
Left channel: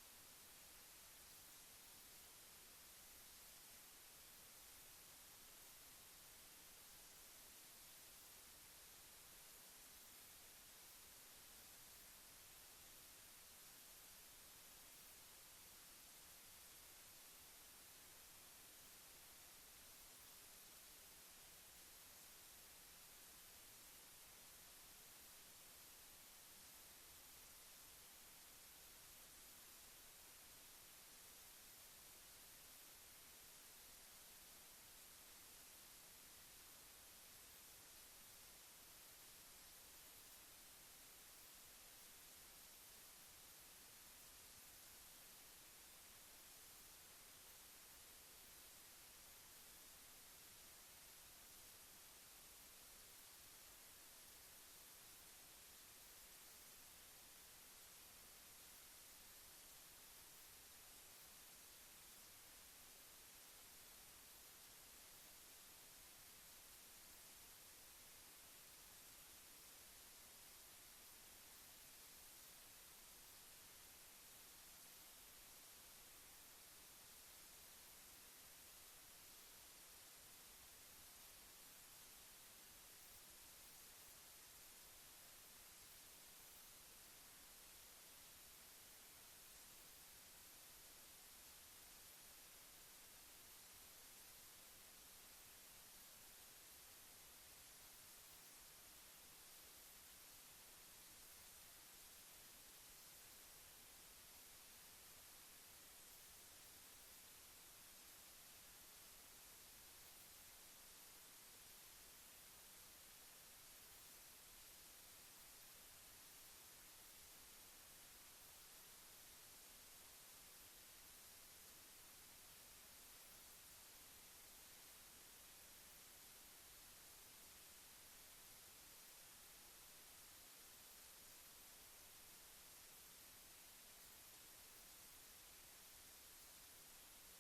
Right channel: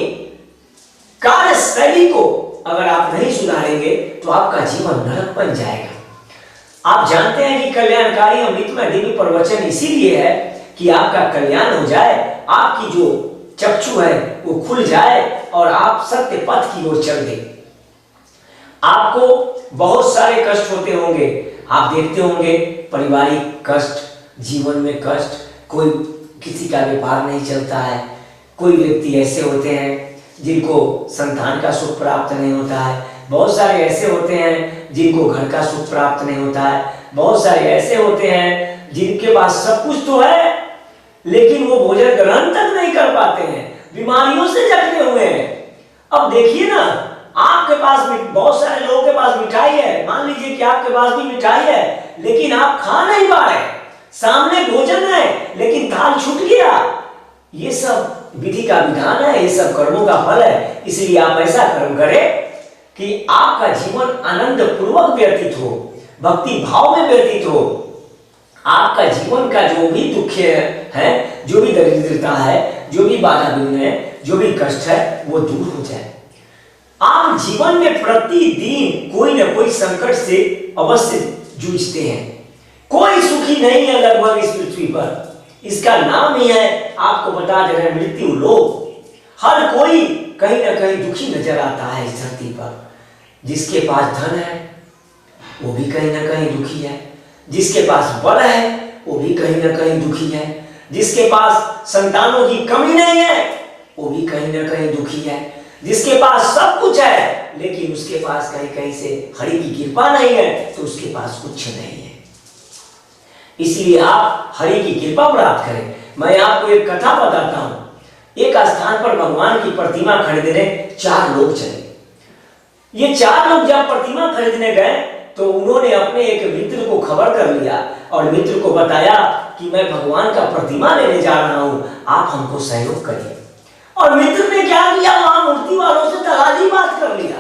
कार्य शैली को अगर आप नहीं सुधारेंगे तो आपका जीवन नरक बन जाएगा। आप जानते हैं कि कल्याणकारी अमृतमय दिव्य प्रवचन इसीलिए है कि आपका कल्याण हो जाए, आपकी जो चक्षु है वो खुल जाए और आप सत्य पथ की ओर चल दें। आपको बहुत सारे कष्ट होते होंगे, आप देखते होंगे पारिवारिक कष्ट, जीवन में कष्ट, कोई किसी का व्यापार नहीं चलता है, कोई व्यक्ति ऐसे होते हैं जिनको संतान का सुख प्राप्त नहीं होता है, बहुत सारे ऐसे होते हैं जिनको घर का सुख प्राप्त नहीं होता है, बहुत सारे ऐसे होते हैं जिनके पास सब कुछ तो है लेकिन वो भोजन ग्रहण तक नहीं कर पाते हैं, बीमारियों से जकड़े हुए हैं। अब देखिए ना, आपके पास बहुत सारे लोगों के पास मिठाई है, मान लीजिए कि आपके पास भी मिठाई है लेकिन आप खा नहीं पा रहे, सामने भोजन है लेकिन थाल छूट गया। ये सब विधि का विधान है, ये सब कर्मों का फल है। इसलिए आप ऐसा कर्म करें कि आपका जीवन आनंद पूर्वक व्यतीत हो, भक्ति भाव में व्यतीत हो। आपका जीवन का जो भी दुख है, जो भी दरिद्रता है, जो भी बाधा विघ्न है, जो भी कष्ट है, वो दूर हो जाए। आप जीवन में प्रतिदिन कोई न कोई संकट से अवश्य जूझते हैं। कोई सुखी नहीं है लगभग इस पृथ्वी पर। इसका नाम ही है, आपको बता दे रहे हैं, मृत्यु लोक। हर कोई कहीं ना कहीं दुखी नजर आता है इस धरती पर। जिसके पास धन है वो भी कहीं ना कहीं दुखी है, जिसके पास बल है वो भी कहीं ना कहीं दुखी है, जिसके पास संतानों की कमी नहीं है वो भी कहीं ना कहीं दुखी है, जिसके पास सब कुछ है लेकिन उसके पास कहीं कहीं से हरि की कृपा नहीं है तो उसके पास कुछ नहीं है। इसलिए आप हरि की कृपा प्राप्त करें। मैं आपको एक कथा बताता हूं। एक स्थान पर भगवान की प्रतिमा खरीदने 4 लोग चले। ये 4 लोग जब प्रतिमा खरीदने गए तो उन्होंने अपने एक मित्र को खबर कर लिया और मित्र को बताया कि मैं भगवान का प्रतिमा लेने जा रहा हूं, आप हमको सहयोग करिए। और मित्र ने क्या किया, वहां मूर्ति वालों से तगादी बात कर लिया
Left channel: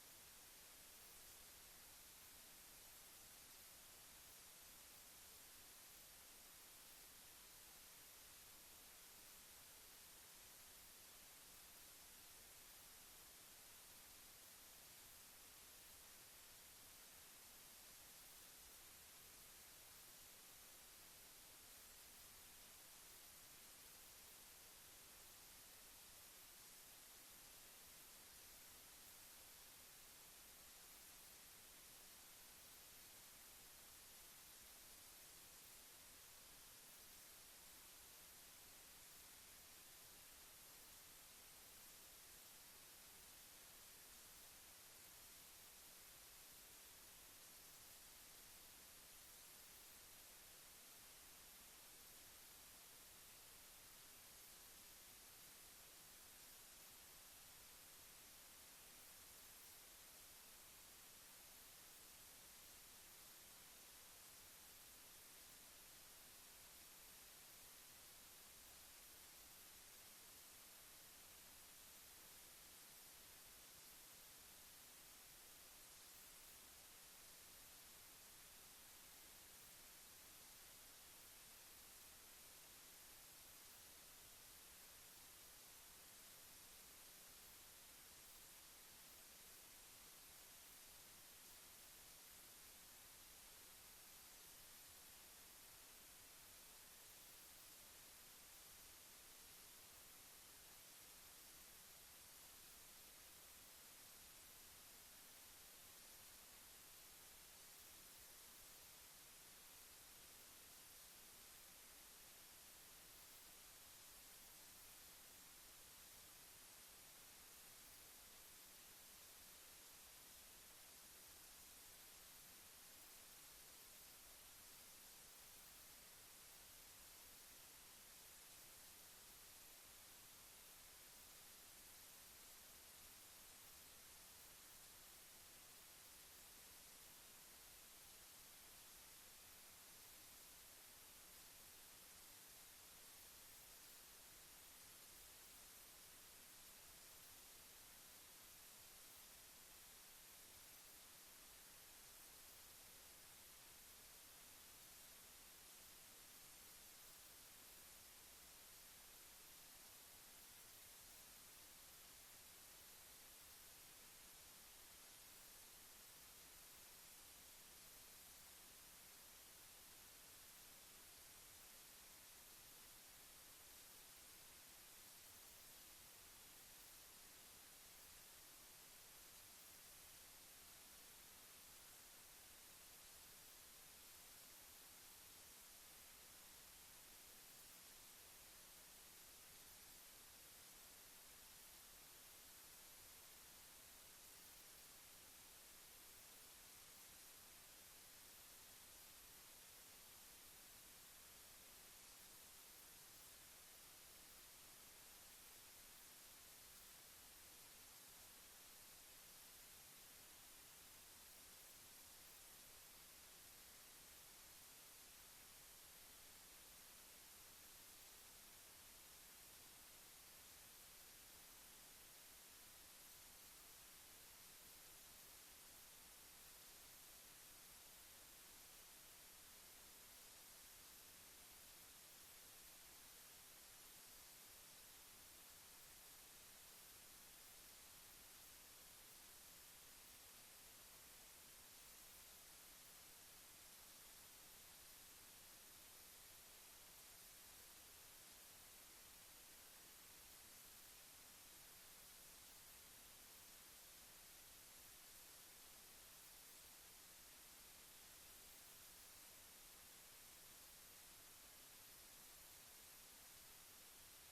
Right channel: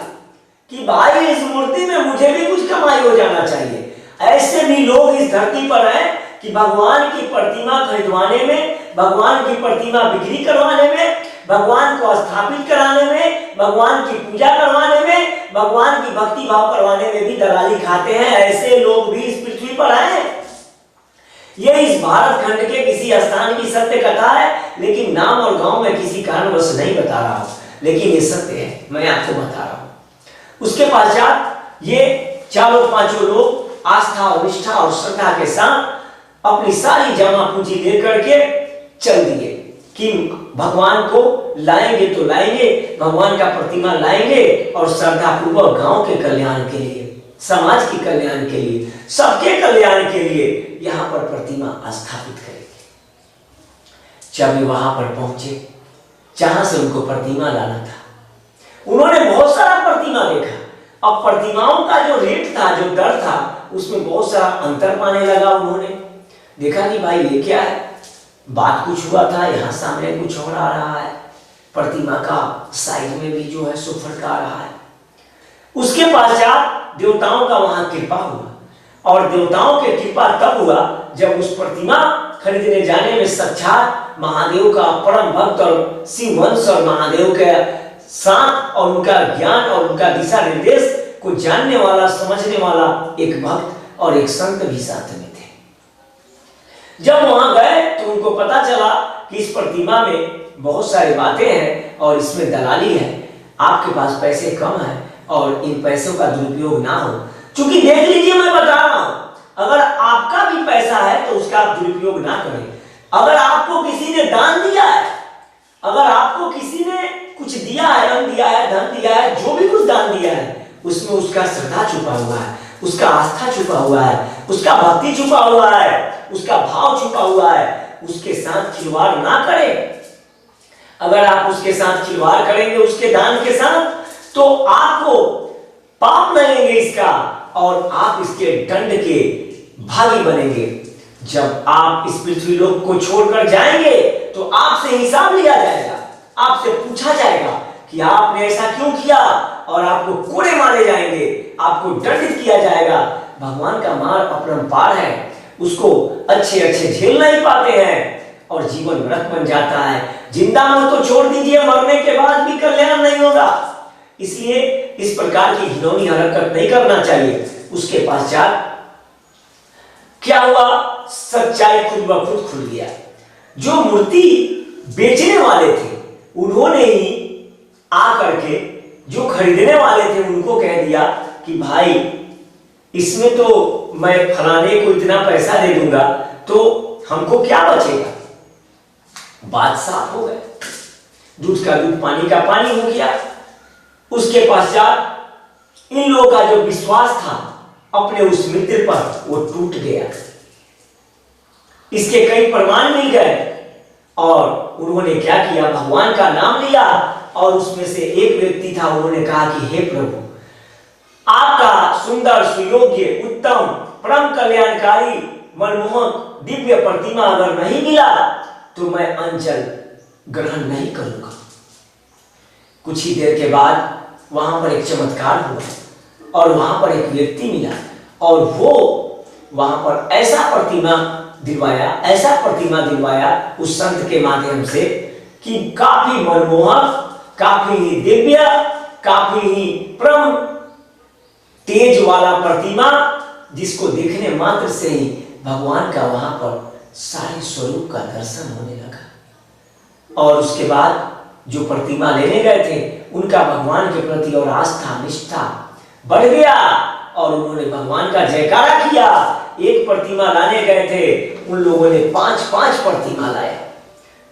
कि भाई इस मूर्ति में मुझे भी कुछ कमाई हो जाना चाहिए। ऐसे भी लोग इस धरती पर हैं कि भगवान की प्रतिमा खरीदवाने में, भगवान की प्रतिमा बिक्री करवाने में, भगवान को स्थापित कराने में, भगवान की पूजा करवाने में, भगवान की भक्ति भाव करवाने में भी दलाली खाते हैं। ऐसे लोग भी इस पृथ्वी पर हैं। यह इस भारत खंड के किसी स्थान की सत्य कथा है, लेकिन नाम और गांव में किसी कारणवश नहीं बता रहा हूं, लेकिन ये सत्य है, मैं आपको बता रहा हूं। उसके पश्चात ये 4-5 लोग आस्था और निष्ठा और श्रद्धा के साथ अपनी सारी जमा पूंजी लेकर के चल दिए कि भगवान को लाएंगे तो लाएंगे, भगवान का प्रतिमा लाएंगे और श्रद्धा पूर्वक गांव के कल्याण के लिए, समाज के कल्याण के लिए, सबके कल्याण के लिए यहां पर प्रतिमा स्थापित करेंगे। जब वे वहां पर पहुंचे जहां से उनको प्रतिमा लाना था, उन्होंने बहुत सारा प्रतिमा देखा। अब प्रतिमाओं का जो रेट था, जो दर था, उसमें बहुत सारा अंतर पाने लगा। उन्होंने देखा कि भाई ये क्या है, बात कुछ हुआ था, यहाँ सामने कुछ और आ रहा है, प्रतिमा का साइड में भी जो है सो फड़का रहा है। उसके पश्चात देवताओं का वहां कृपा हुआ, और देवताओं की कृपा तब हुआ जब उस प्रतिमा खरीदने जाने में साक्षात महादेव का परम भक्त और शिव वंश और महादेव के साथ और उनका ज्ञान और उनका दिशा निर्देश को जानने वाला, समझने वाला एक भक्त और एक संत भी साथ में थे। जब वहां गए तो उनको पता चला कि इस प्रतिमा में बहुत सारी बातें हैं और इसमें दलाली है, आपके पास पैसे कम है और इन पैसों का दुरुपयोग ना हो। क्योंकि देख लीजिए, मैं बता रहा हूं, अगर आपका भी पैसा है तो उसका आप दुरुपयोग ना करें। अगर आपको किसी ने दान दिया है, अगर आपको किसी ने कुछ दिया है, अन्न दिया है, धन दिया है, जो भी कुछ दान दिया है, उसमें उसका श्रद्धा छुपा हुआ है, उसका आस्था छुपा हुआ है, उसका भक्ति छुपा हुआ है, उसका भाव छुपा हुआ है। उसके साथ खिलवाड़ ना करें। अगर आप उसके साथ खिलवाड़ करेंगे, उसके दान के साथ, तो आपको पाप लगेंगे इसका और आप इसके दंड के भागी बनेंगे। जब आप इस पृथ्वी लोक को छोड़कर जाएंगे तो आपसे हिसाब लिया जाएगा, आपसे पूछा जाएगा कि आपने ऐसा क्यों किया, और आपको कोड़े मारे जाएंगे, आपको दंडित किया जाएगा। भगवान का मार अपरंपार है, उसको अच्छे अच्छे झेल नहीं पाते हैं और जीवन नरक बन जाता है। जिंदा मौत तो छोड़ दीजिए, मरने के बाद भी कल्याण नहीं होगा। इसलिए इस प्रकार की घिनौनी हरकत नहीं करना चाहिए। उसके पश्चात क्या हुआ, सच्चाई खुद ब खुद खुल गया। जो मूर्ति बेचने वाले थे उन्होंने ही आकर के जो खरीदने वाले थे उनको कह दिया कि भाई इसमें तो मैं फलाने को इतना पैसा दे दूंगा, तो हमको क्या बचेगा। बात साफ हो गई, दूध का दूध पानी का पानी हो गया। उसके पश्चात इन लोगों का जो विश्वास था अपने उस मित्र पर, वो टूट गया। इसके कई प्रमाण मिल गए और उन्होंने क्या किया, भगवान का नाम लिया। और उसमें से एक व्यक्ति था, उन्होंने कहा कि हे प्रभु, आपका सुंदर, सुयोग्य, उत्तम, परम कल्याणकारी, मनमोहक दिव्य प्रतिमा अगर नहीं मिला तो मैं अंजल ग्रहण नहीं करूंगा। कुछ ही देर के बाद वहां पर एक चमत्कार हुआ और वहां पर एक व्यक्ति मिला और वो वहां पर ऐसा प्रतिमा दिलवाया उस संत के माध्यम से कि काफी मनमोहक, काफी ही दिव्य, काफी ही परम तेज वाला प्रतिमा, जिसको देखने मात्र से ही भगवान का वहां पर सारे स्वरूप का दर्शन होने लगा। और उसके बाद जो प्रतिमा लेने गए थे उनका भगवान के प्रति और आस्था, निष्ठा बढ़ गया और उन्होंने भगवान का जयकारा किया। एक प्रतिमा लाने गए थे, उन लोगों ने 5-5 प्रतिमा लाए।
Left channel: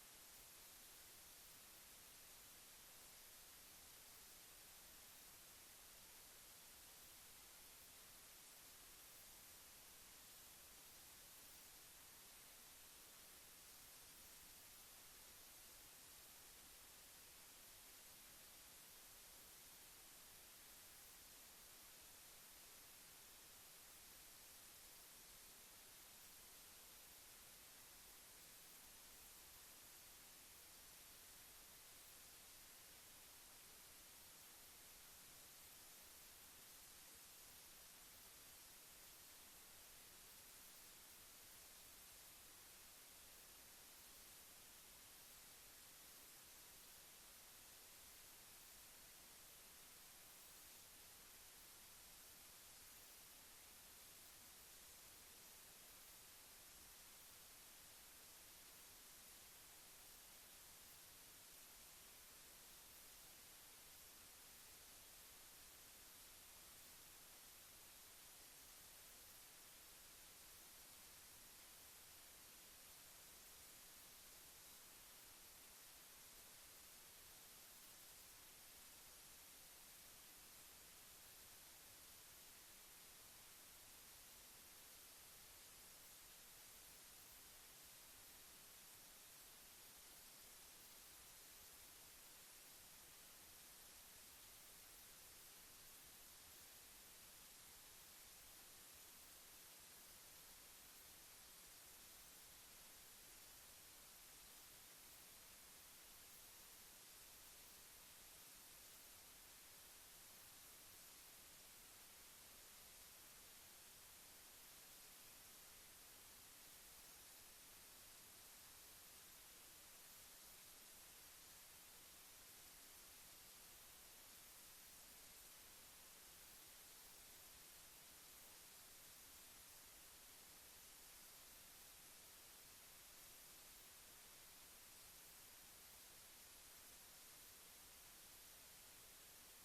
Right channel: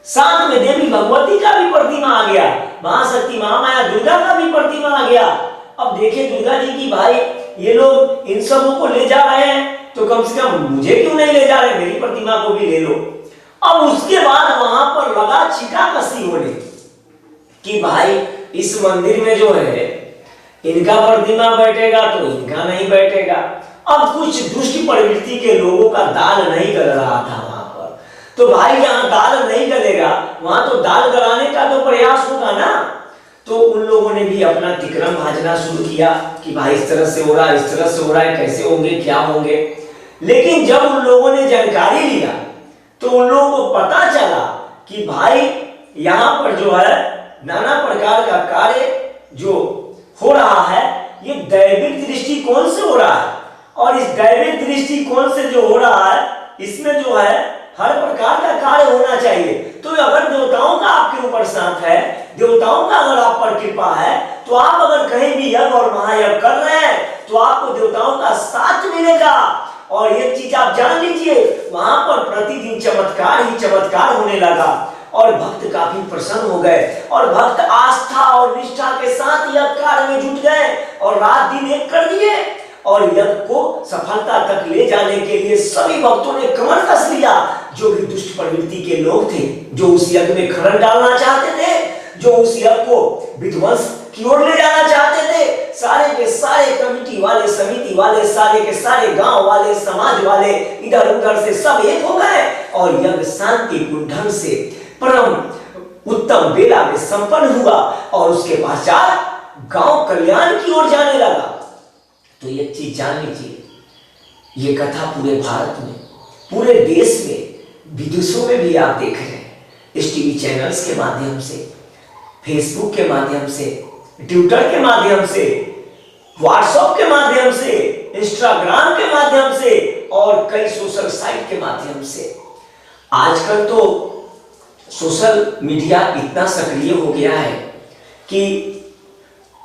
साथ में देवी भगवती का भी प्रतिमा आ गया, महाशक्ति महामाया दुर्गा का भी प्रतिमा आ गया। अब देखिए दुर्गा जी की, भाई ये लोग इन सबों को ले जा रहे हैं तो कम से कम मुझे क्यों नहीं ले जा रहे, मेरी प्रतिमा को भी ले लो। अब उसके बाद वहां पर लगा छिटाकशी होने कि भाई इस मंदिर में जो है इनका प्रतिमा बैठेगा तो इनका नहीं बैठेगा। अब कुछ दुष्ट प्रवृत्ति के लोगों का दाल नहीं गल रहा था वहां पर, तो भाई जहां दाल नहीं गलेगा वहां तो दाल गलाने का तो प्रयास होगा ना। तो उन लोगों ने भी अपना तिकरम भाजना शुरू किया कि भाई इस तरह से हो रहा है, इस तरह से हो रहा है, कैसे होंगे, क्या होंगे। लेकिन जब उन लोगों ने जानकारी लिया तो उन लोगों को पता चला कि भाई यहाँ पर जो है नाना प्रकार का कार्य जो हो रहा है ये दैविक दृष्टिकोण से हो रहा है, और इस दैविक दृष्टिकोण से जो हो रहा है इसमें जो है हर प्रकार का कार्य होना चाहिए। तो अगर देवताओं का आपके ऊपर साथ है, देवताओं का अगर आप पर कृपा है, तो आप अगर कहीं भी यज्ञ और महायज्ञ कर रहे हैं तो आपको देवताओं का साथ मिलेगा। और एक चीज आप जान लीजिए, वहां पर प्रतिदिन चमत्कार ही चमत्कार होने लगा और भक्त काफी प्रसन्न हो गए और भक्त आस्था और निष्ठा के साथ यज्ञ कार्य में जुट गए और रात दिन एक कर दिए और यज्ञ को सफलता तक ले जाने के लिए सभी भक्तों ने कमर कस लिया। जो भी दुष्ट प्रवृत्ति के लोग थे, जो उस यज्ञ में खरन डालना चाहते थे, जो उस यज्ञ को विध्वंस की ओर ले जाना चाहते थे। सारे के सारे कमेटी वाले, समिति वाले, सारे के सारे गांव वाले, समाज वाले इधर उधर से सब एक हो गए और यज्ञ शांतिपूर्ण ढंग से परम उत्तम बेला में संपन्न हुआ और उसके पश्चात गांव कल्याण की ओर जाने लगा। तो एक चीज जान लीजिए, ये कथा पूरे भारत में, पूरे देश में, विदेशों में भी आप देख रहे हैं। इस टीवी चैनल्स के माध्यम से, फेसबुक के माध्यम से, ट्विटर के माध्यम से, व्हाट्सएप के माध्यम से, इंस्टाग्राम के माध्यम से और कई सोशल साइट के माध्यम से। आजकल तो सोशल मीडिया इतना सक्रिय हो गया है कि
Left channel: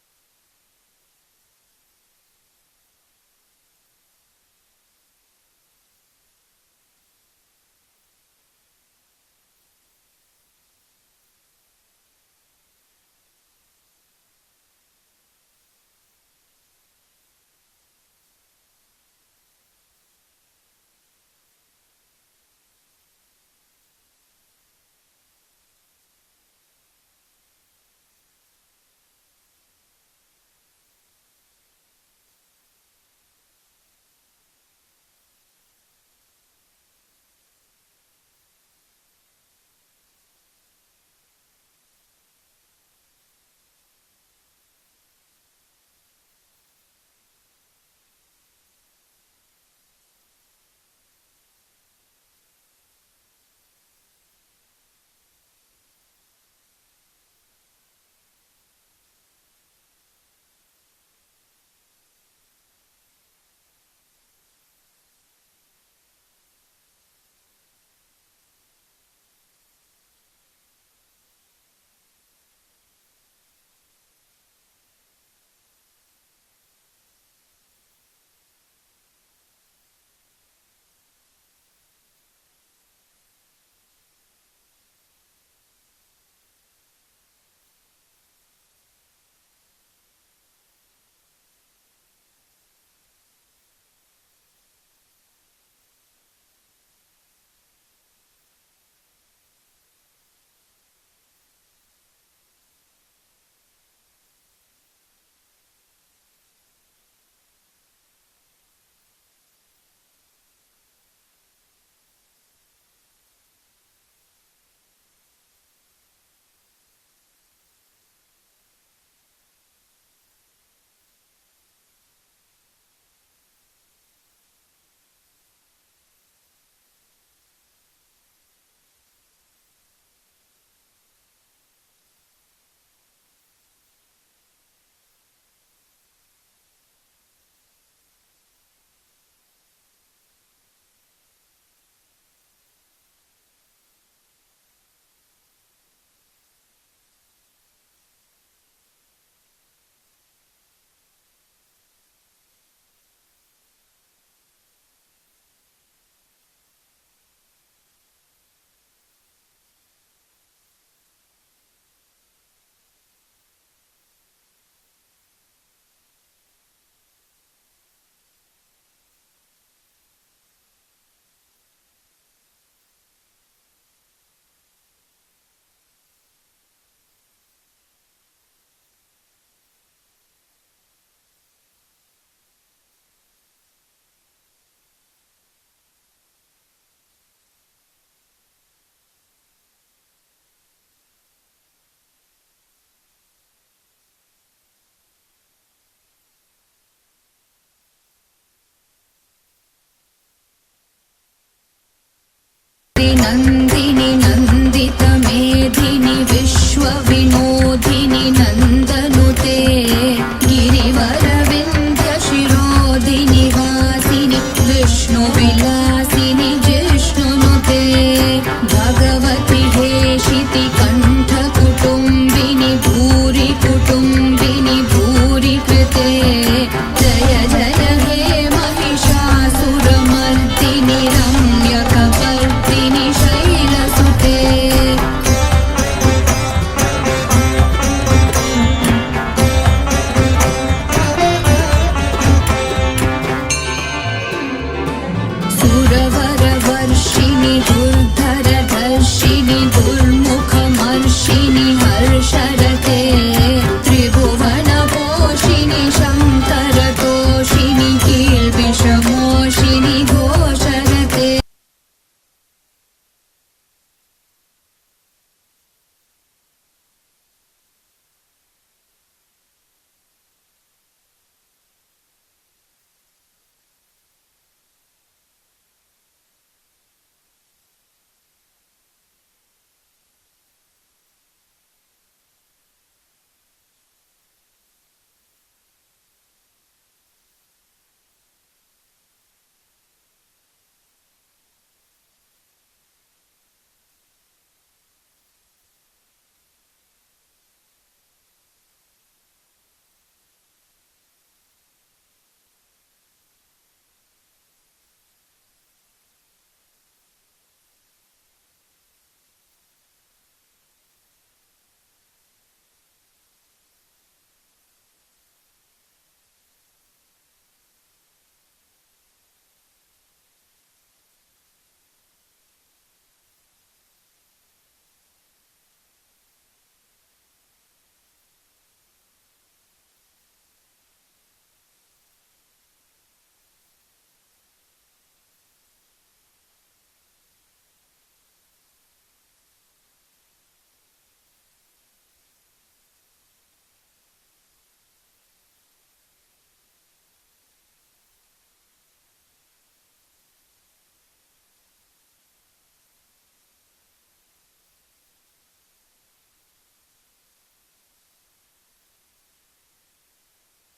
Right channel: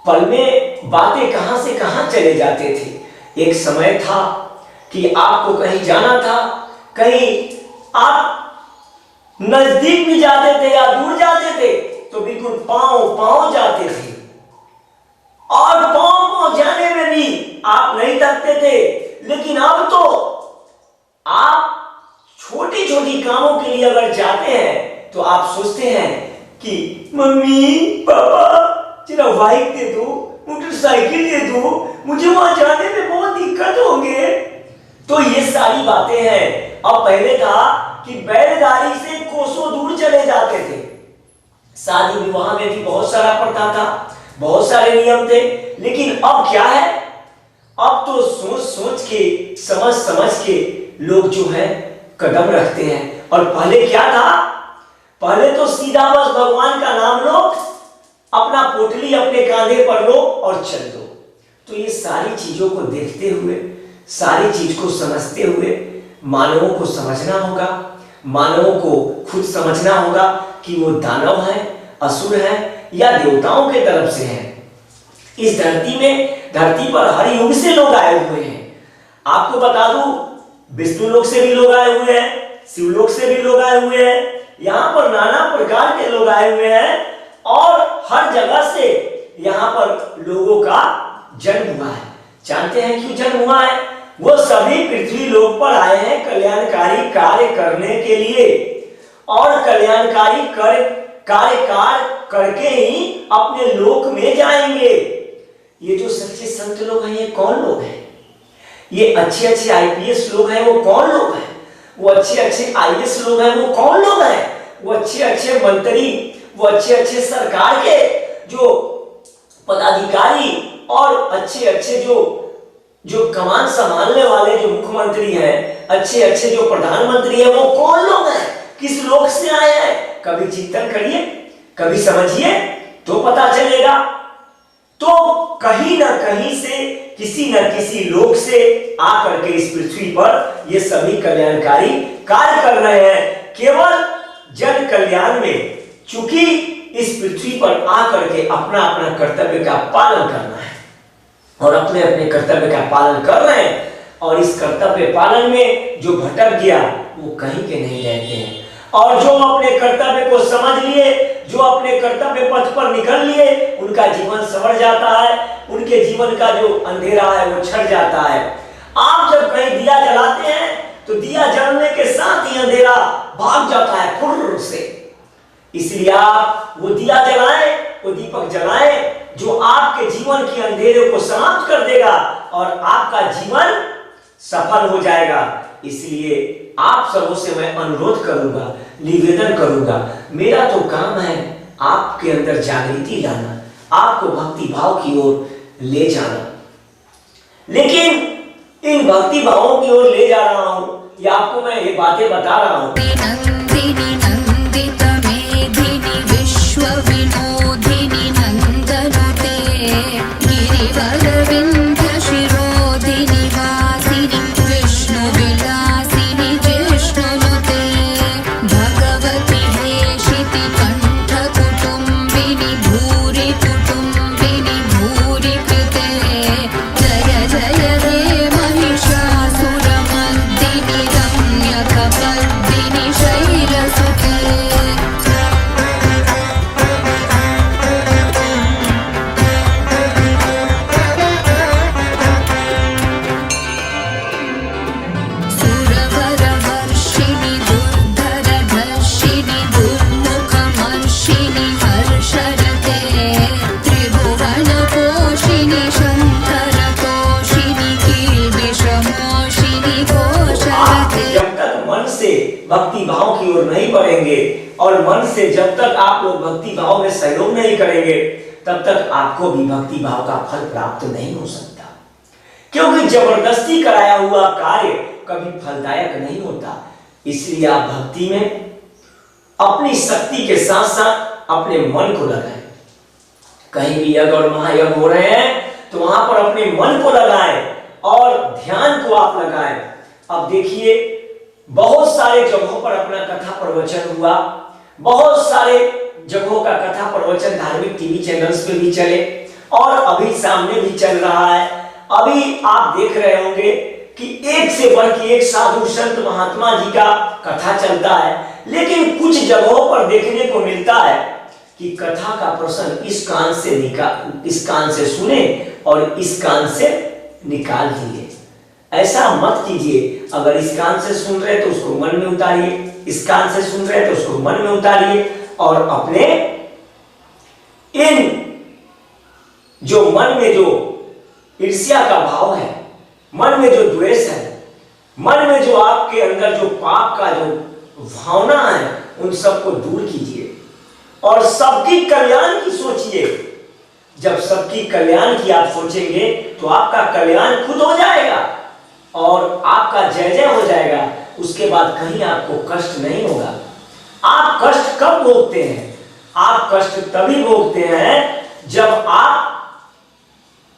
पल में बातें कहां से कहां चले जाते थे। एक समय था कि आपको कहीं जाना था, कहीं आप नजदीक भी जाते थे या दूर जाते थे तो बिल्कुल पांव जाते थे और पांव जाने में भी आप नहीं थकते थे। लेकिन अब तो आप छोटी छोटी कामों के लिए अगर जाते हैं तो आप सोचते हैं कि मम्मी पापा जरा बाइक दे दो, मोटरसाइकिल दे दो, मुझे वहां जाने में बहुत दिक्कत होंगे। तो ये सारी बातें हैं। अब पहले था कि बैलगाड़ी से कोसों दूर चले जाते थे। शादी विवाह में भी बहुत सारा प्रथा था, बहुत सारे नियम थे। लेकिन अब क्या है, अब तो सोच सोच के, समझ समझ के लोग जो है कदम रखते हैं। और पहले क्या था, पहले तो सीधा बस भगवान का नाम लो, अपना पोटली अपने कांधे पर लो और चल दो। तो ये सारी चीजों को देखते हुए, सारी चीज को समझते हुए मानवों को समझना होगा, मानवों को खुद समझना होगा कि वो दानव है, असुर है या देवताओं के तरफ से है। इस धरती पर हर युग से लोग आए हुए हैं। आपको बता दूं, विष्णु लोक से भी लोग आए हुए हैं, शिवलोक से भी लोग आए हुए हैं, यहाँ पर नाना प्रकार के लोग आए हुए हैं और हर जगह से यहाँ पर लोगों का जन्म हुआ है। जानते हैं क्यों जन्म हुआ है? वो सभी पृथ्वी लोक पर आए हैं कल्याणकारी कार्य करने के लिए और कल्याणकारी कार्य करके ही अपने लोक में जाएंगे। ये जो सच्चे संत लोग हैं, ये कौन लोग हैं? ये अच्छे अच्छे आईपीएस लोग हैं, वो कौन लोग हैं? वो अच्छे अच्छे आईएएस लोग हैं, वो कौन लोग हैं? वो अच्छे अच्छे मंत्री, वो अच्छे अच्छे सरकार के जो पदाधिकारी और अच्छे अच्छे जो कमान संभालने वाले जो मुख्यमंत्री हैं, अच्छे अच्छे जो प्रधानमंत्री हैं, वो कौन लोग हैं? किस लोक से आए हैं? कभी चिंतन करिए, कभी समझिए तो पता चलेगा। तो कहीं ना कहीं से, किसी न किसी लोक से आकर के इस पृथ्वी पर ये सभी कल्याणकारी कार्य कर रहे हैं, केवल जन कल्याण में। चूंकि इस पृथ्वी पर आकर के अपना अपना कर्तव्य का पालन करना है और अपने अपने कर्तव्य का पालन कर रहे हैं और इस कर्तव्य पालन में जो भटक गया वो कहीं के नहीं रहते हैं और जो अपने कर्तव्य को समझ लिए, जो अपने कर्तव्य पथ पर निकल लिए, उनका जीवन संवर जाता है, उनके जीवन का जो अंधेरा है वो छट जाता है। आप जब कहीं दिया जलाते हैं तो दिया जलने के साथ ही अंधेरा भाग जाता है फुर्र से। इसलिए आप वो दिया जलाएं, वो दीपक जलाएं जो आपके जीवन के अंधेरे को समाप्त कर देगा और आपका जीवन सफल हो जाएगा। इसलिए आप सबों से मैं अनुरोध करूंगा, निवेदन करूंगा, मेरा तो काम है आपके अंदर जागृति लाना, आपको भक्ति भाव की ओर ले जाना। लेकिन इन भक्ति भावों की ओर ले जा रहा हूं या आपको मैं ये बातें बता रहा हूं। नंदिनी नंदित मेधिनी विश्व विनोदिनी नंदनुते गिरिवर विंध्य शिरोधिनी वासिनी विष्णु विलासिनी जिष्णुनुते भगवती हेशिति कंठ कुटुंबिनी भूरि कुटुंबिनी भूरि कृते जय जय हे महिषासुरमर्दिनी रम्यकपर्दिनी शैल से जब तक आप लोग भक्ति भाव में सहयोग नहीं करेंगे तब तक आपको भी भक्ति भाव का फल प्राप्त नहीं हो सकता, क्योंकि जबरदस्ती कराया हुआ कार्य कभी फलदायक नहीं होता। इसलिए आप भक्ति में अपनी शक्ति के साथ साथ अपने मन को लगाएं। कहीं भी यज्ञ और महायज्ञ हो रहे हैं तो वहां पर अपने मन को लगाएं और ध्यान को आप लगाएं। अब देखिए, बहुत सारे जगहों पर अपना कथा प्रवचन हुआ, बहुत सारे जगहों का कथा प्रवचन धार्मिक टीवी चैनल्स पे भी चले और अभी सामने भी चल रहा है। अभी आप देख रहे होंगे कि एक से बढ़ के एक साधु संत महात्मा जी का कथा चलता है, लेकिन कुछ जगहों पर देखने को मिलता है कि कथा का प्रसंग इस कान से सुने और इस कान से निकाल दिए। ऐसा मत कीजिए। अगर इस कान से सुन रहे तो उसको मन में उतारिए, इस कान से सुन रहे तो उसको मन में उतारिए और अपने इन जो मन में जो ईर्ष्या का भाव है, मन में जो द्वेष है, मन में जो आपके अंदर जो पाप का जो भावना है, उन सबको दूर कीजिए और सबकी कल्याण की सोचिए। जब सबकी कल्याण की आप सोचेंगे तो आपका कल्याण खुद हो जाएगा और आपका जय जय हो जाएगा। उसके बाद कहीं आपको कष्ट नहीं होगा। आप कष्ट कब भोगते हैं? आप कष्ट तभी भोगते हैं जब आप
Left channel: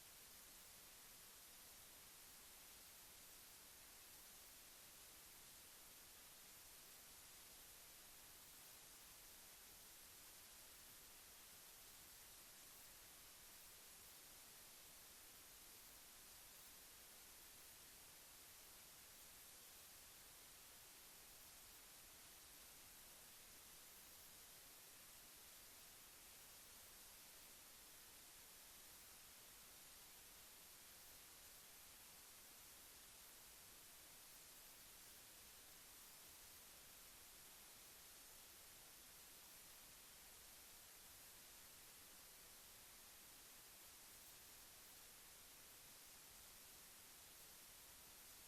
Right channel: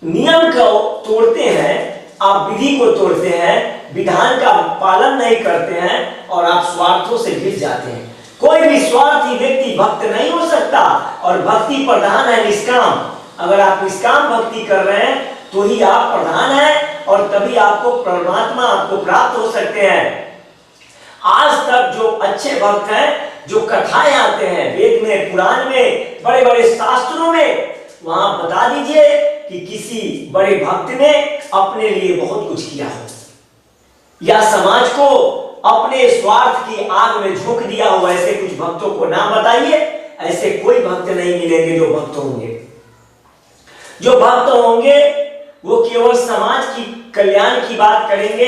नियम को तोड़ते हैं, आप विधि को तोड़ते हैं, विधान का पालन नहीं करते हैं और आप स्वार्थों से घिर जाते हैं। कोई भी स्वार्थी व्यक्ति भक्त नहीं हो सकता और भक्ति प्रधान है निष्काम। अगर आप निष्काम भक्ति कर रहे हैं तो ही आप प्रधान हैं और तभी आपको परमात्मा आपको प्राप्त हो सकते हैं। आज तक जो अच्छे भक्त हैं, जो कथाएं आते हैं वेद में, पुराण में, बड़े बड़े शास्त्रों में, वहां बता दीजिए कि किसी बड़े भक्त ने अपने लिए बहुत कुछ किया हो या समाज को अपने स्वार्थ की आग में झोंक दिया हो। ऐसे कुछ भक्तों को नाम बताइए। ऐसे कोई भक्त नहीं मिलेंगे जो भक्त होंगे। जो भक्त होंगे वो केवल समाज की कल्याण की बात करेंगे,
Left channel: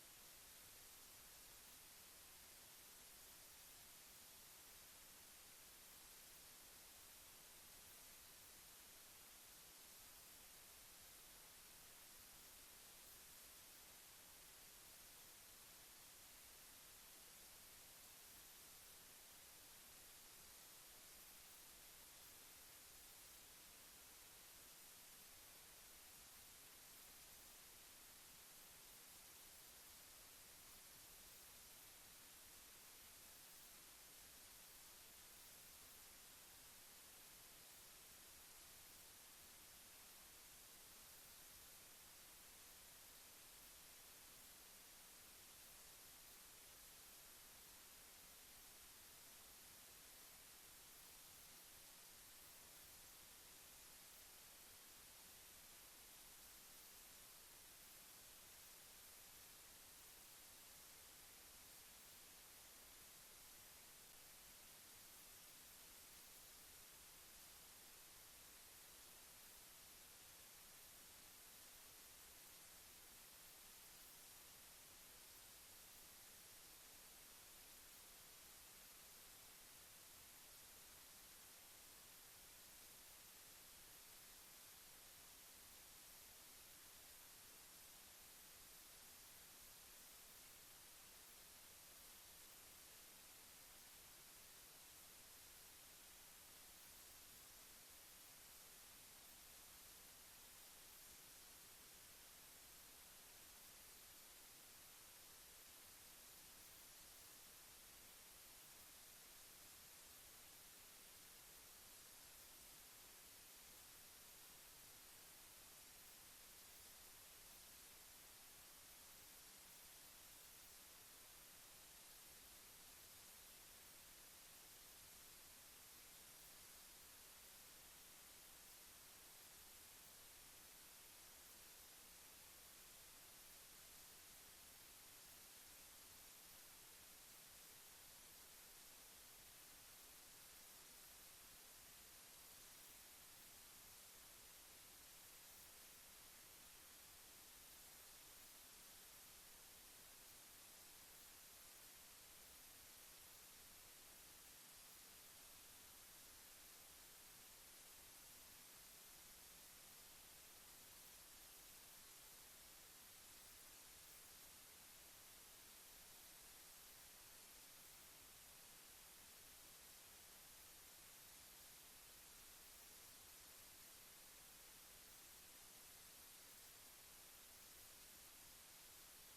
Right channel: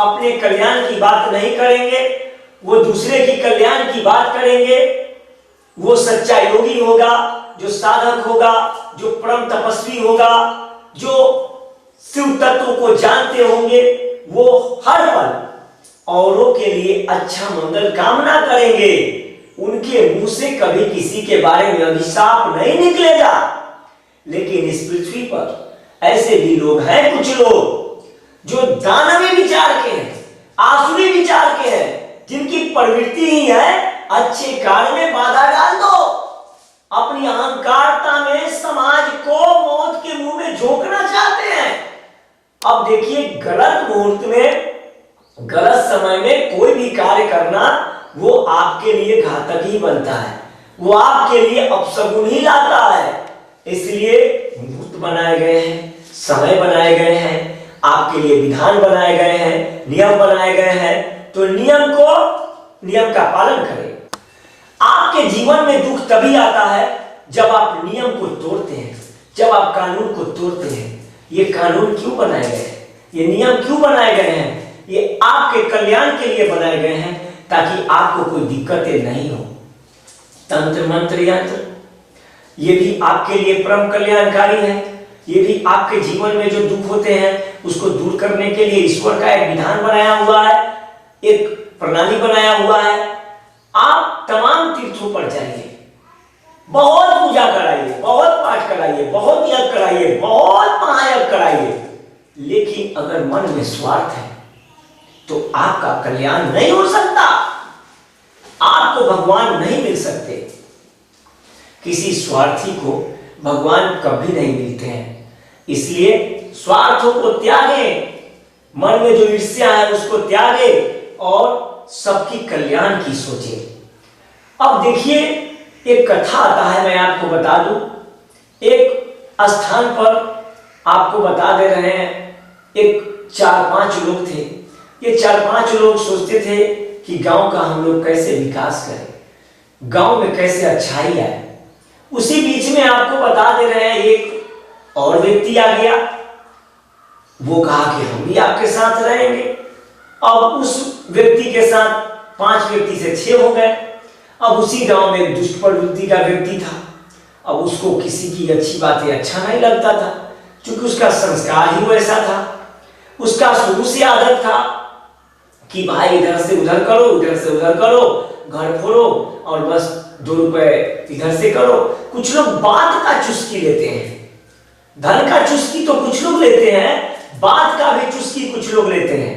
अपने कल्याण की बात नहीं करेंगे, वो दूसरे की कल्याण की बात करेंगे। वो सच्चा योगी होगा, जो साधक होगा, जो परम तपस्वी होगा, जो शिव तत्व को जानते होंगे, वो हर पल औरों के लिए अच्छा मंगल कामना करेंगे। उनके मुंह से कभी किसी के बारे में अभिशाप नहीं निकलेगा। लेकिन इस पृथ्वी पर ऐसे भी लोग हैं, कुछ लोग जो दानवी विचार के हैं, आसुरी विचार के हैं, जिनकी प्रवृत्ति ही है अच्छे कार्य में बाधा डाल दो। अपनी अहंकारता में समाज को मौत के मुंह में झोंकना चाहते हैं। अब देखिए, गलत मुहूर्त में, गलत समय में कोई भी कार्य करना वो आपके लिए घातक ही बनता है, वो आपके लिए अपशगुन ही लाता है। इसलिए मुहूर्त बनाए गए हैं, समय बनाए गए हैं, आपके लिए विधान बनाए गए हैं, नियम बनाए गए हैं, तो नियम का पालन करें। आपके जीवन में दुख तभी आता है जब आप नियम को तोड़ते हैं, जब आप कानून को तोड़ते हैं। ये कानून क्यों बनाए गए हैं? ये नियम क्यों बनाए गए हैं? ये आपके कल्याण के लिए बनाए गए हैं ताकि आपको कोई दिक्कतें नहीं हो। तंत्र मंत्र यंत्र ये भी आपके लिए परम कल्याणकारी है। ये भी आपके जीवन में जो दुख होते हैं उसको दूर करने के लिए ईश्वर का एक विधान बनाया हुआ है, एक प्रणाली बनाया हुआ है। आप तमाम तीर्थों पर जाइए, बहुत पूजा कराइए, बहुत पाठ कराइए, बहुत यज्ञ कराइए, बहुत महायज्ञ कराइए, लेकिन अगर मन में स्वार्थ है तो आपका कल्याण नहीं हो सकता, आपको भगवान नहीं मिल सकते। किसी स्वार्थी को भगवान कभी नहीं मिलते हैं। इसलिए स्वार्थों को त्यागें, मन में जो ईर्ष्या है उसको त्यागें और सबकी कल्याण की सोचें। अब देखिए, एक कथा आता है, मैं आपको बता दूं। एक स्थान पर आपको बता दे रहे हैं, एक 4-5 लोग थे। ये 4-5 लोग सोचते थे कि गांव का हम लोग कैसे विकास करें, गांव में कैसे अच्छाई आए। उसी बीच में आपको बता दे रहे हैं, एक और व्यक्ति आ गया। वो कहा कि हम भी आपके साथ रहेंगे। अब उस व्यक्ति के साथ 5 व्यक्ति से 6 हो गए। अब उसी गांव में एक दुष्ट प्रवृत्ति का व्यक्ति था। अब उसको किसी की अच्छी बातें अच्छा नहीं लगता था, क्योंकि उसका संस्कार ही वैसा था। उसका शुरू से आदत था कि भाई इधर से उधर करो, उधर से उधर करो, घर फोड़ो और बस 2 रुपए इधर से करो। कुछ लोग बात का चुस्की लेते हैं, धन का चुस्की तो कुछ लोग लेते हैं, बात का भी चुस्की कुछ लोग लेते हैं।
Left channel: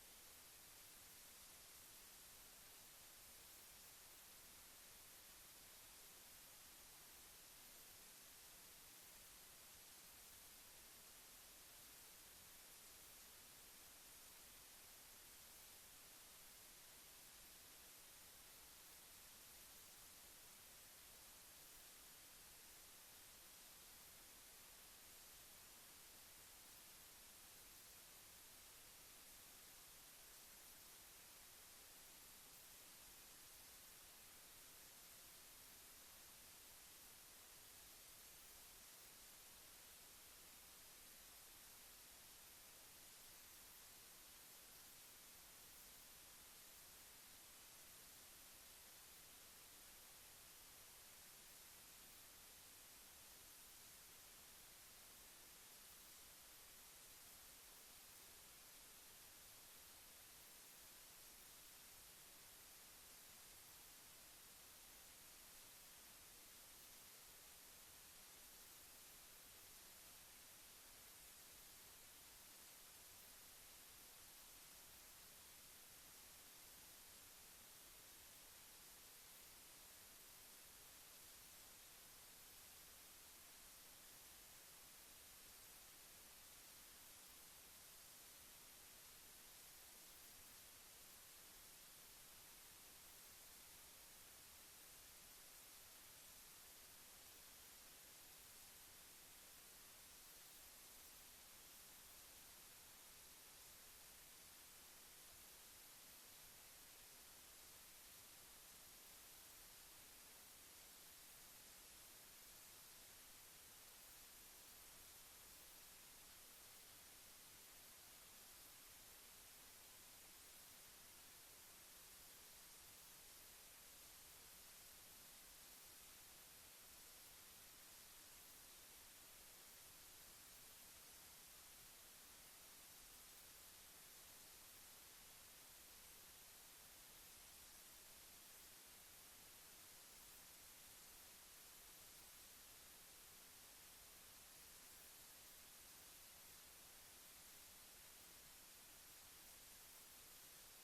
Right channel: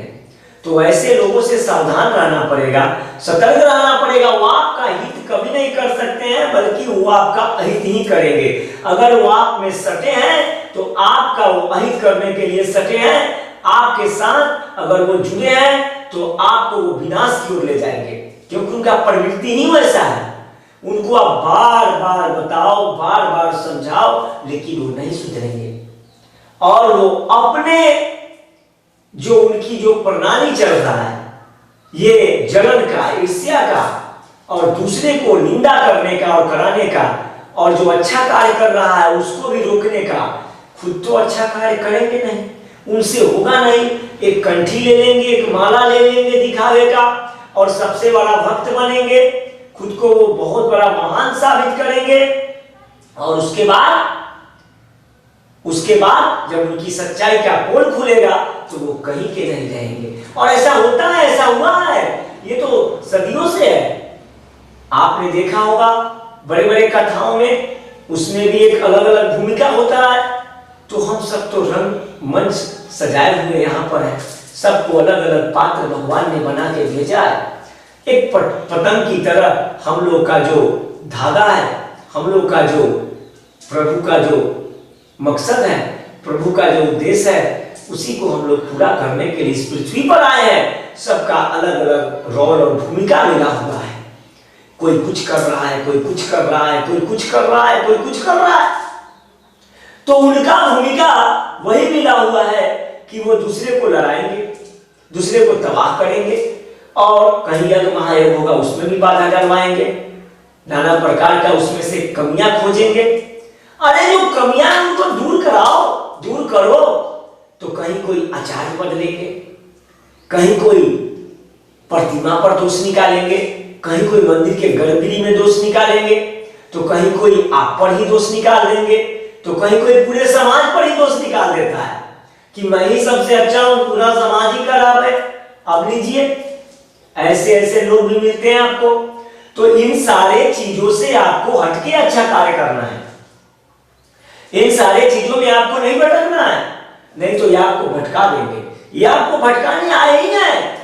तो ऐसे लोगों से सावधान रहना पड़ेगा, सतर्क रहना पड़ेगा। वो आपका हित कभी नहीं कर सकते हैं, बल्कि वो आपका अहित ही करेंगे। अगर वो आप में सटे हैं तो आपका वो अहित करने के लिए सटे हैं। आपके साथ अगर वो जुड़े हैं तो आपको वो विनाश की ओर ले जाएंगे, क्योंकि उनका प्रवृत्ति ही वैसा है। उनको आप बार बार बताओ, बार बार समझाओ, लेकिन वो नहीं सुधरेंगे। और वो अपने जो उनकी जो प्रणाली चल रहा है, ये जलन का, ईर्ष्या का, और दूसरे को निंदा करने का और कराने का, और जो अच्छा कार्य कर रहा है उसको भी रोकने का, खुद तो अच्छा कार्य करेंगे नहीं, उनसे होगा नहीं। एक कंठी ले लेंगे, एक माला ले लेंगे दिखावे का, और सबसे बड़ा भक्त बनेंगे, खुद को वो बहुत बड़ा महान साबित करेंगे। और उसके बाद जब उनकी सच्चाई का पोल खुलेगा तो वो कहीं के नहीं रहेंगे। और ऐसा होता है, ऐसा हुआ है, ये तो सदियों से है। आपने देखा होगा बड़े बड़े कथाओं में, उसमें भी एक अलग अलग भूमिका होता है। तो हम सब तो रंग मंच सजाए हुए यहाँ पर है, सबको अलग अलग पात्र भगवान ने बना के भेजा है। एक पतंग की तरह हम लोग का जो धागा है, हम लोग का जो प्रभु का जो मकसद है, प्रभु का जो उद्देश्य है, उसी को हम लोग पूरा करने के लिए इस पृथ्वी पर आए हैं। सबका अलग अलग रोल और भूमिका मिला हुआ है। कोई कुछ कर रहा है, कोई कुछ कर रहा है, कोई कुछ कर रहा है, कोई कुछ कर रहा है। तो उनका भूमिका वही मिला हुआ है कि वो दूसरे को लड़ाएंगे, दूसरे को तबाह करेंगे, और कहीं यज्ञ महायज्ञ होगा उसमें भी बाधा डलवाएंगे, नाना प्रकार का उसमें से कमियां खोजेंगे। अरे जो कमियां उनको दूर कराओ, दूर करो। तो कहीं कोई आचार्य पद लेंगे, कहीं कोई प्रतिमा पर दोष निकालेंगे, कहीं कोई मंदिर के गर्भगृह में दोष निकालेंगे, तो कहीं कोई आप पर ही दोष निकाल देंगे, तो कहीं कोई पूरे समाज पर ही दोष निकाल देता है कि मैं ही सबसे अच्छा हूं, पूरा समाज ही खराब है। अब लीजिए, ऐसे ऐसे लोग भी मिलते हैं आपको। तो इन सारे चीजों से आपको हटके अच्छा कार्य करना है। इन सारे चीजों में आपको नहीं भटकना है, नहीं तो ये आपको भटका देंगे। ये आपको भटकाने आए ही हैं।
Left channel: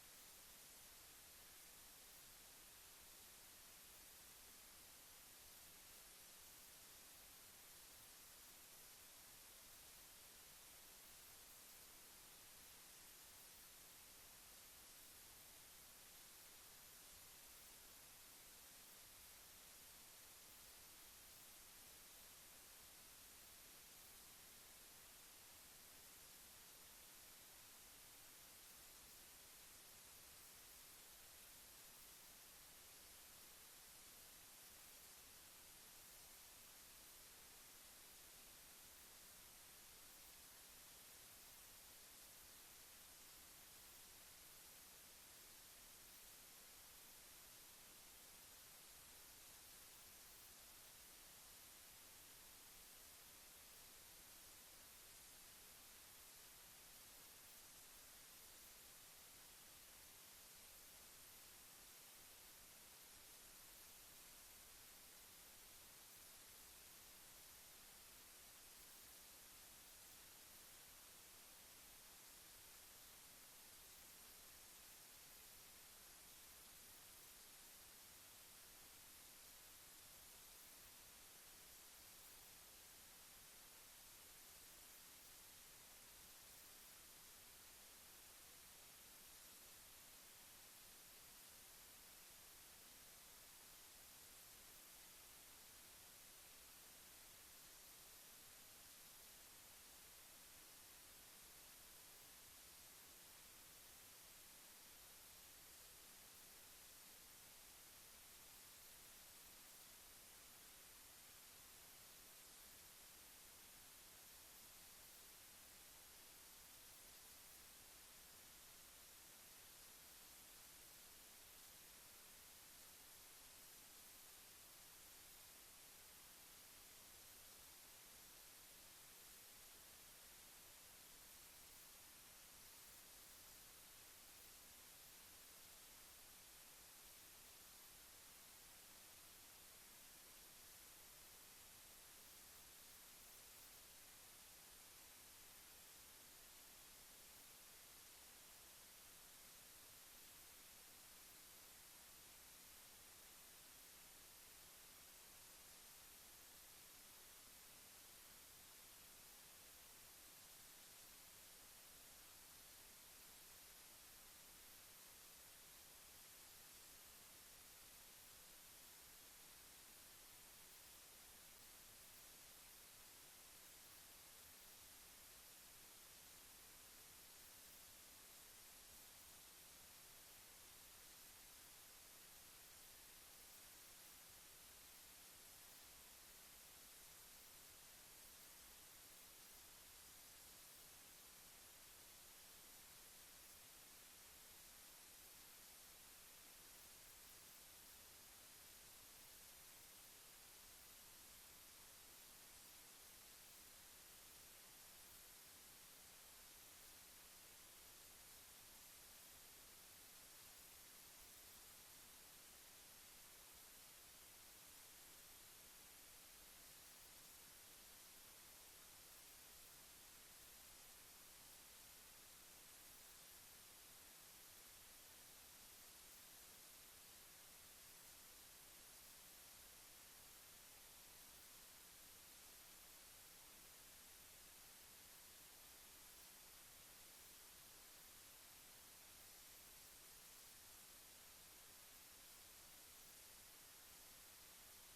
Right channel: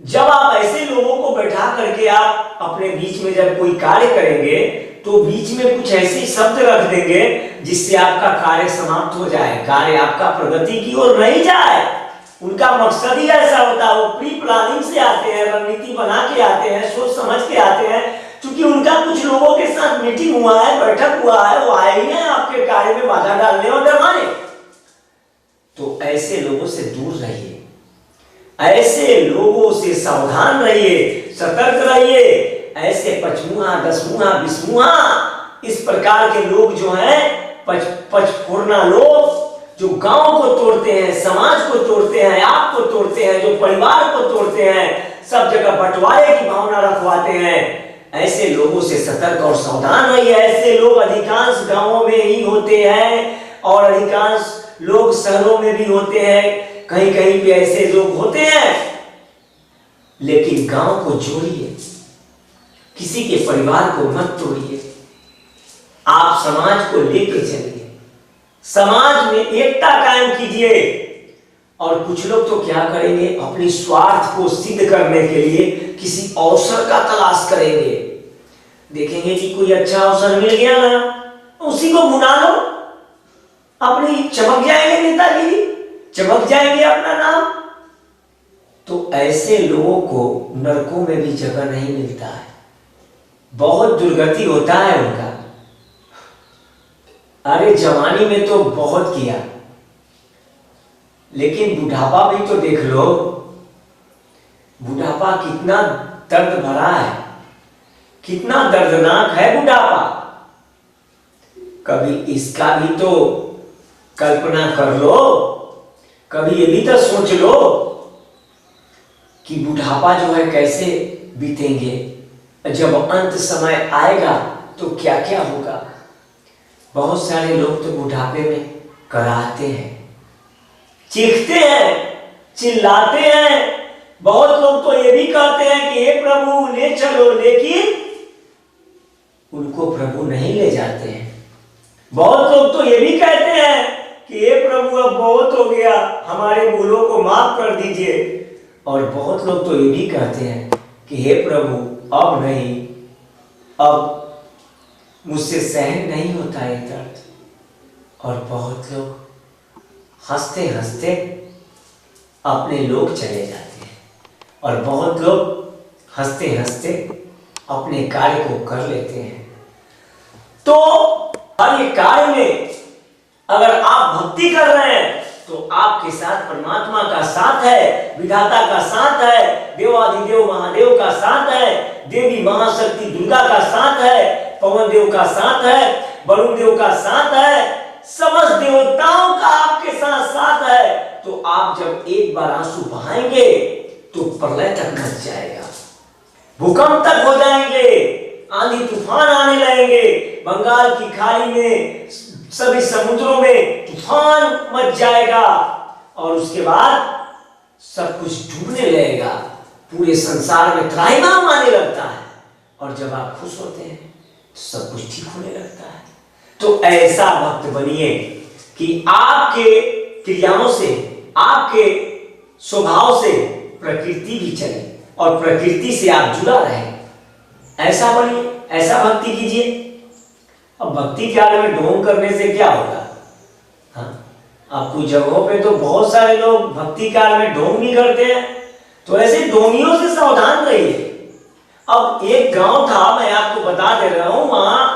जब आप ऐसे लोगों को बैठा करके आप अपने बीच में जब कोई कार्य करेंगे, तो बीच में कुछ ऐसे शब्द रख देंगे जिससे आपका कार्य समाप्त हो जाए, कार्य आपका प्रगति की ओर नहीं जाए। उनका मकसद ही ऐसा होता है। वो प्री प्लानिंग से आते हैं, रणनीति बना के आते हैं, सोच समझ के आते हैं। क्योंकि उनका कुछ लोगों के साथ मीटिंग हुआ है, बैठक हुआ है, वो आए ही हैं आपके कार्य में बाधा डालने और डरवाने। तो ऐसे लोगों से दूर रहिए, ऐसे लोगों से सावधान रहिए, सतर्क रहिए। ऐसे पचमुहा, दसमुहा, बिसमुहा, इस प्रकार के लोग जो हैं, पचफोड़ना लोग, जो गांव को तोड़ते हैं, समाज को तोड़ते हैं, आप को तोड़ते हैं, जो परिवार को तोड़ते हैं, सब जगह बंटवारे की भावना रखवाते हैं, ऐसे लोगों से सतर्क और सावधान रहिए। ऐसे लोग अधिकांश गांवों में ही होते हैं, और अधिकांश लोग शहरों में भी होते हैं। कहीं कहीं पे ऐसे लोग होते हैं। लेकिन गांव को जोड़िए, किसी के परिवार को मत तोड़िए। आप समाज को लेकर चलिए, समाज में एकता कायम कीजिए। और कुछ लोग तो क्या करेंगे, अपनी स्वार्थ को सिद्ध करने के लिए किसी अवसर का तलाश करेंगे। देखेंगे कि कोई अच्छा अवसर मिल गया ना, उसी को भुना लो, अपनी चमक जाएंगे, नेतागिरी चमक जाएंगे, अपना नाम। तो ऐसे लोगों को नरकों में भी जगह नहीं मिलता है, बहुत दुर्गति होता है उनका। अरे जवानी में तो बहुत किया, लेकिन बुढ़ापा भी तो देख लो। बुढ़ापा कितना दर्द भरा है, कितना दर्दनाक है बुढ़ापा। कभी इसका भी तो कल्पना कर लो, कभी ये भी तो सोच लो कि बुढ़ापा जो है कैसे बीतेंगे। जब अंत समय आएगा तो क्या क्या होगा। बहुत सारे लोग तो बुढ़ापे में कराहते हैं, चीखते हैं, चिल्लाते हैं। बहुत लोग तो ये भी कहते हैं कि हे प्रभु ले चलो, लेकिन उनको प्रभु नहीं ले जाते हैं। बहुत लोग तो ये भी कहते हैं कि हे प्रभु अब बहुत हो गया, हमारे भूलों को माफ कर दीजिए। और बहुत लोग तो ये भी कहते हैं कि हे प्रभु अब नहीं, अब मुझसे सहन नहीं होता ये दर्द। और बहुत लोग हंसते हंसते अपने लोग चले जाते हैं, और बहुत लोग हंसते हंसते अपने कार्य को कर लेते हैं। तो हर एक कार्य में अगर आप भक्ति कर रहे हैं तो आपके साथ परमात्मा का साथ है, विधाता का साथ है, देवाधिदेव महादेव का साथ है, देवी महाशक्ति दुर्गा का साथ है, पवन देव का साथ है, वरुण देव का साथ है, समस्त देवताओं का आपके साथ साथ है। तो आप जब एक बार आंसू बहाएंगे तो प्रलय तक मच जाएगा, भूकंप तक हो जाएंगे, आंधी तूफान आने लगेंगे, बंगाल की खाड़ी में सभी समुद्रों में तूफान मच जाएगा, और उसके बाद सब कुछ डूबने लगेगा, पूरे संसार में त्राहिमाम आने लगता है। और जब आप खुश होते हैं तो सब कुछ ठीक होने लगता है। तो ऐसा भक्त बनिए कि आपके क्रियाओं से, आपके स्वभाव से प्रकृति भी चले और प्रकृति से आप जुड़ा रहे। ऐसा बनिए, ऐसा भक्ति कीजिए। अब भक्ति काल में ढोंग करने से क्या होगा? हाँ, आपको जगहों पे तो बहुत सारे लोग भक्ति काल में ढोंग नहीं करते हैं, तो ऐसे ढोंगियों से सावधान रहिए। अब एक गांव था, मैं आपको बता दे रहा हूं, वहां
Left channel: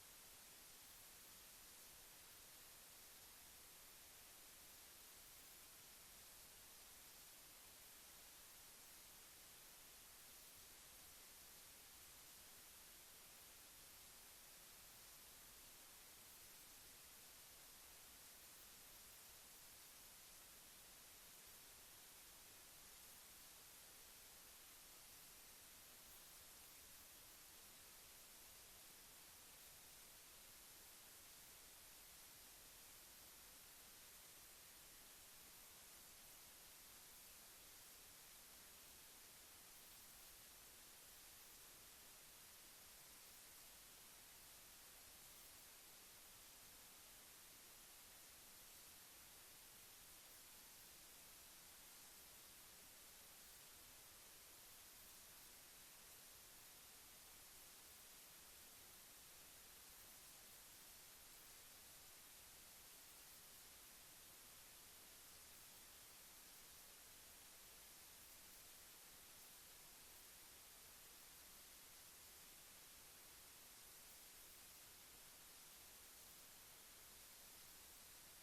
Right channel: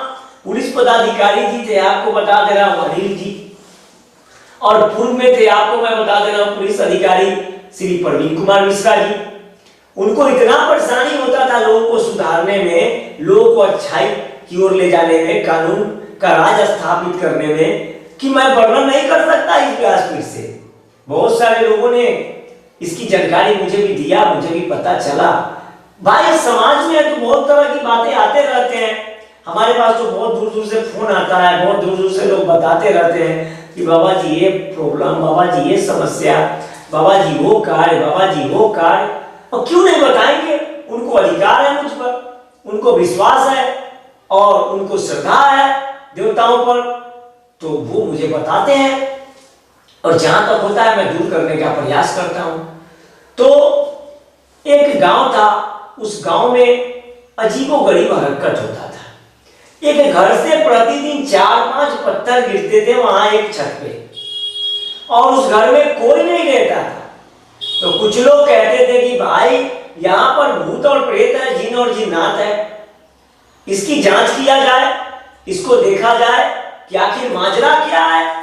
पुलिस पदाधिकारी जी थे, आपको बता दे रहा हूं अनिल जी, और पूर्व में थे, आपको मैं बता दे रहा हूं पुलिस अधिकारी श्री प्रवीण कुमार मिश्रा जी। उनको इतना परेशानी होता था लोगों को सुधारने में, लोगों को अच्छाई की ओर ले जाने में, कानून का राज स्थापित करने में, कि मैं वर्णन नहीं कर सकता इस व्यासपीठ से। बहुत सारे लोगों ने इसकी जानकारी मुझे भी दिया, मुझे भी पता चला। भाई समाज में तो बहुत तरह की बातें आते रहते हैं, हमारे पास तो बहुत दूर दूर से फोन आता है, बहुत दूर दूर से लोग बताते रहते हैं कि बाबा जी ये प्रॉब्लम, बाबा जी ये समस्या, बाबा जी वो कार्य, बाबा जी वो कार्य। और क्यों नहीं बताएंगे? उनको अधिकार है मुझ पर, उनको विश्वास है और उनको श्रद्धा है देवताओं पर, तो वो मुझे बताते हैं, और जहां तक होता है मैं दूर करने का प्रयास करता हूं। तो एक गांव था, उस गांव में अजीबोगरीब हरकत होता था। एक घर से प्रतिदिन 4-5 पत्थर गिरते थे वहां एक छत पे, और उस घर में कोई नहीं रहता था। तो कुछ लोग कहते थे कि भाई यहाँ पर भूत और प्रेत है, जिन और जिन्नात है, इसकी जांच किया जाए, इसको देखा जाए कि आखिर माजरा क्या है।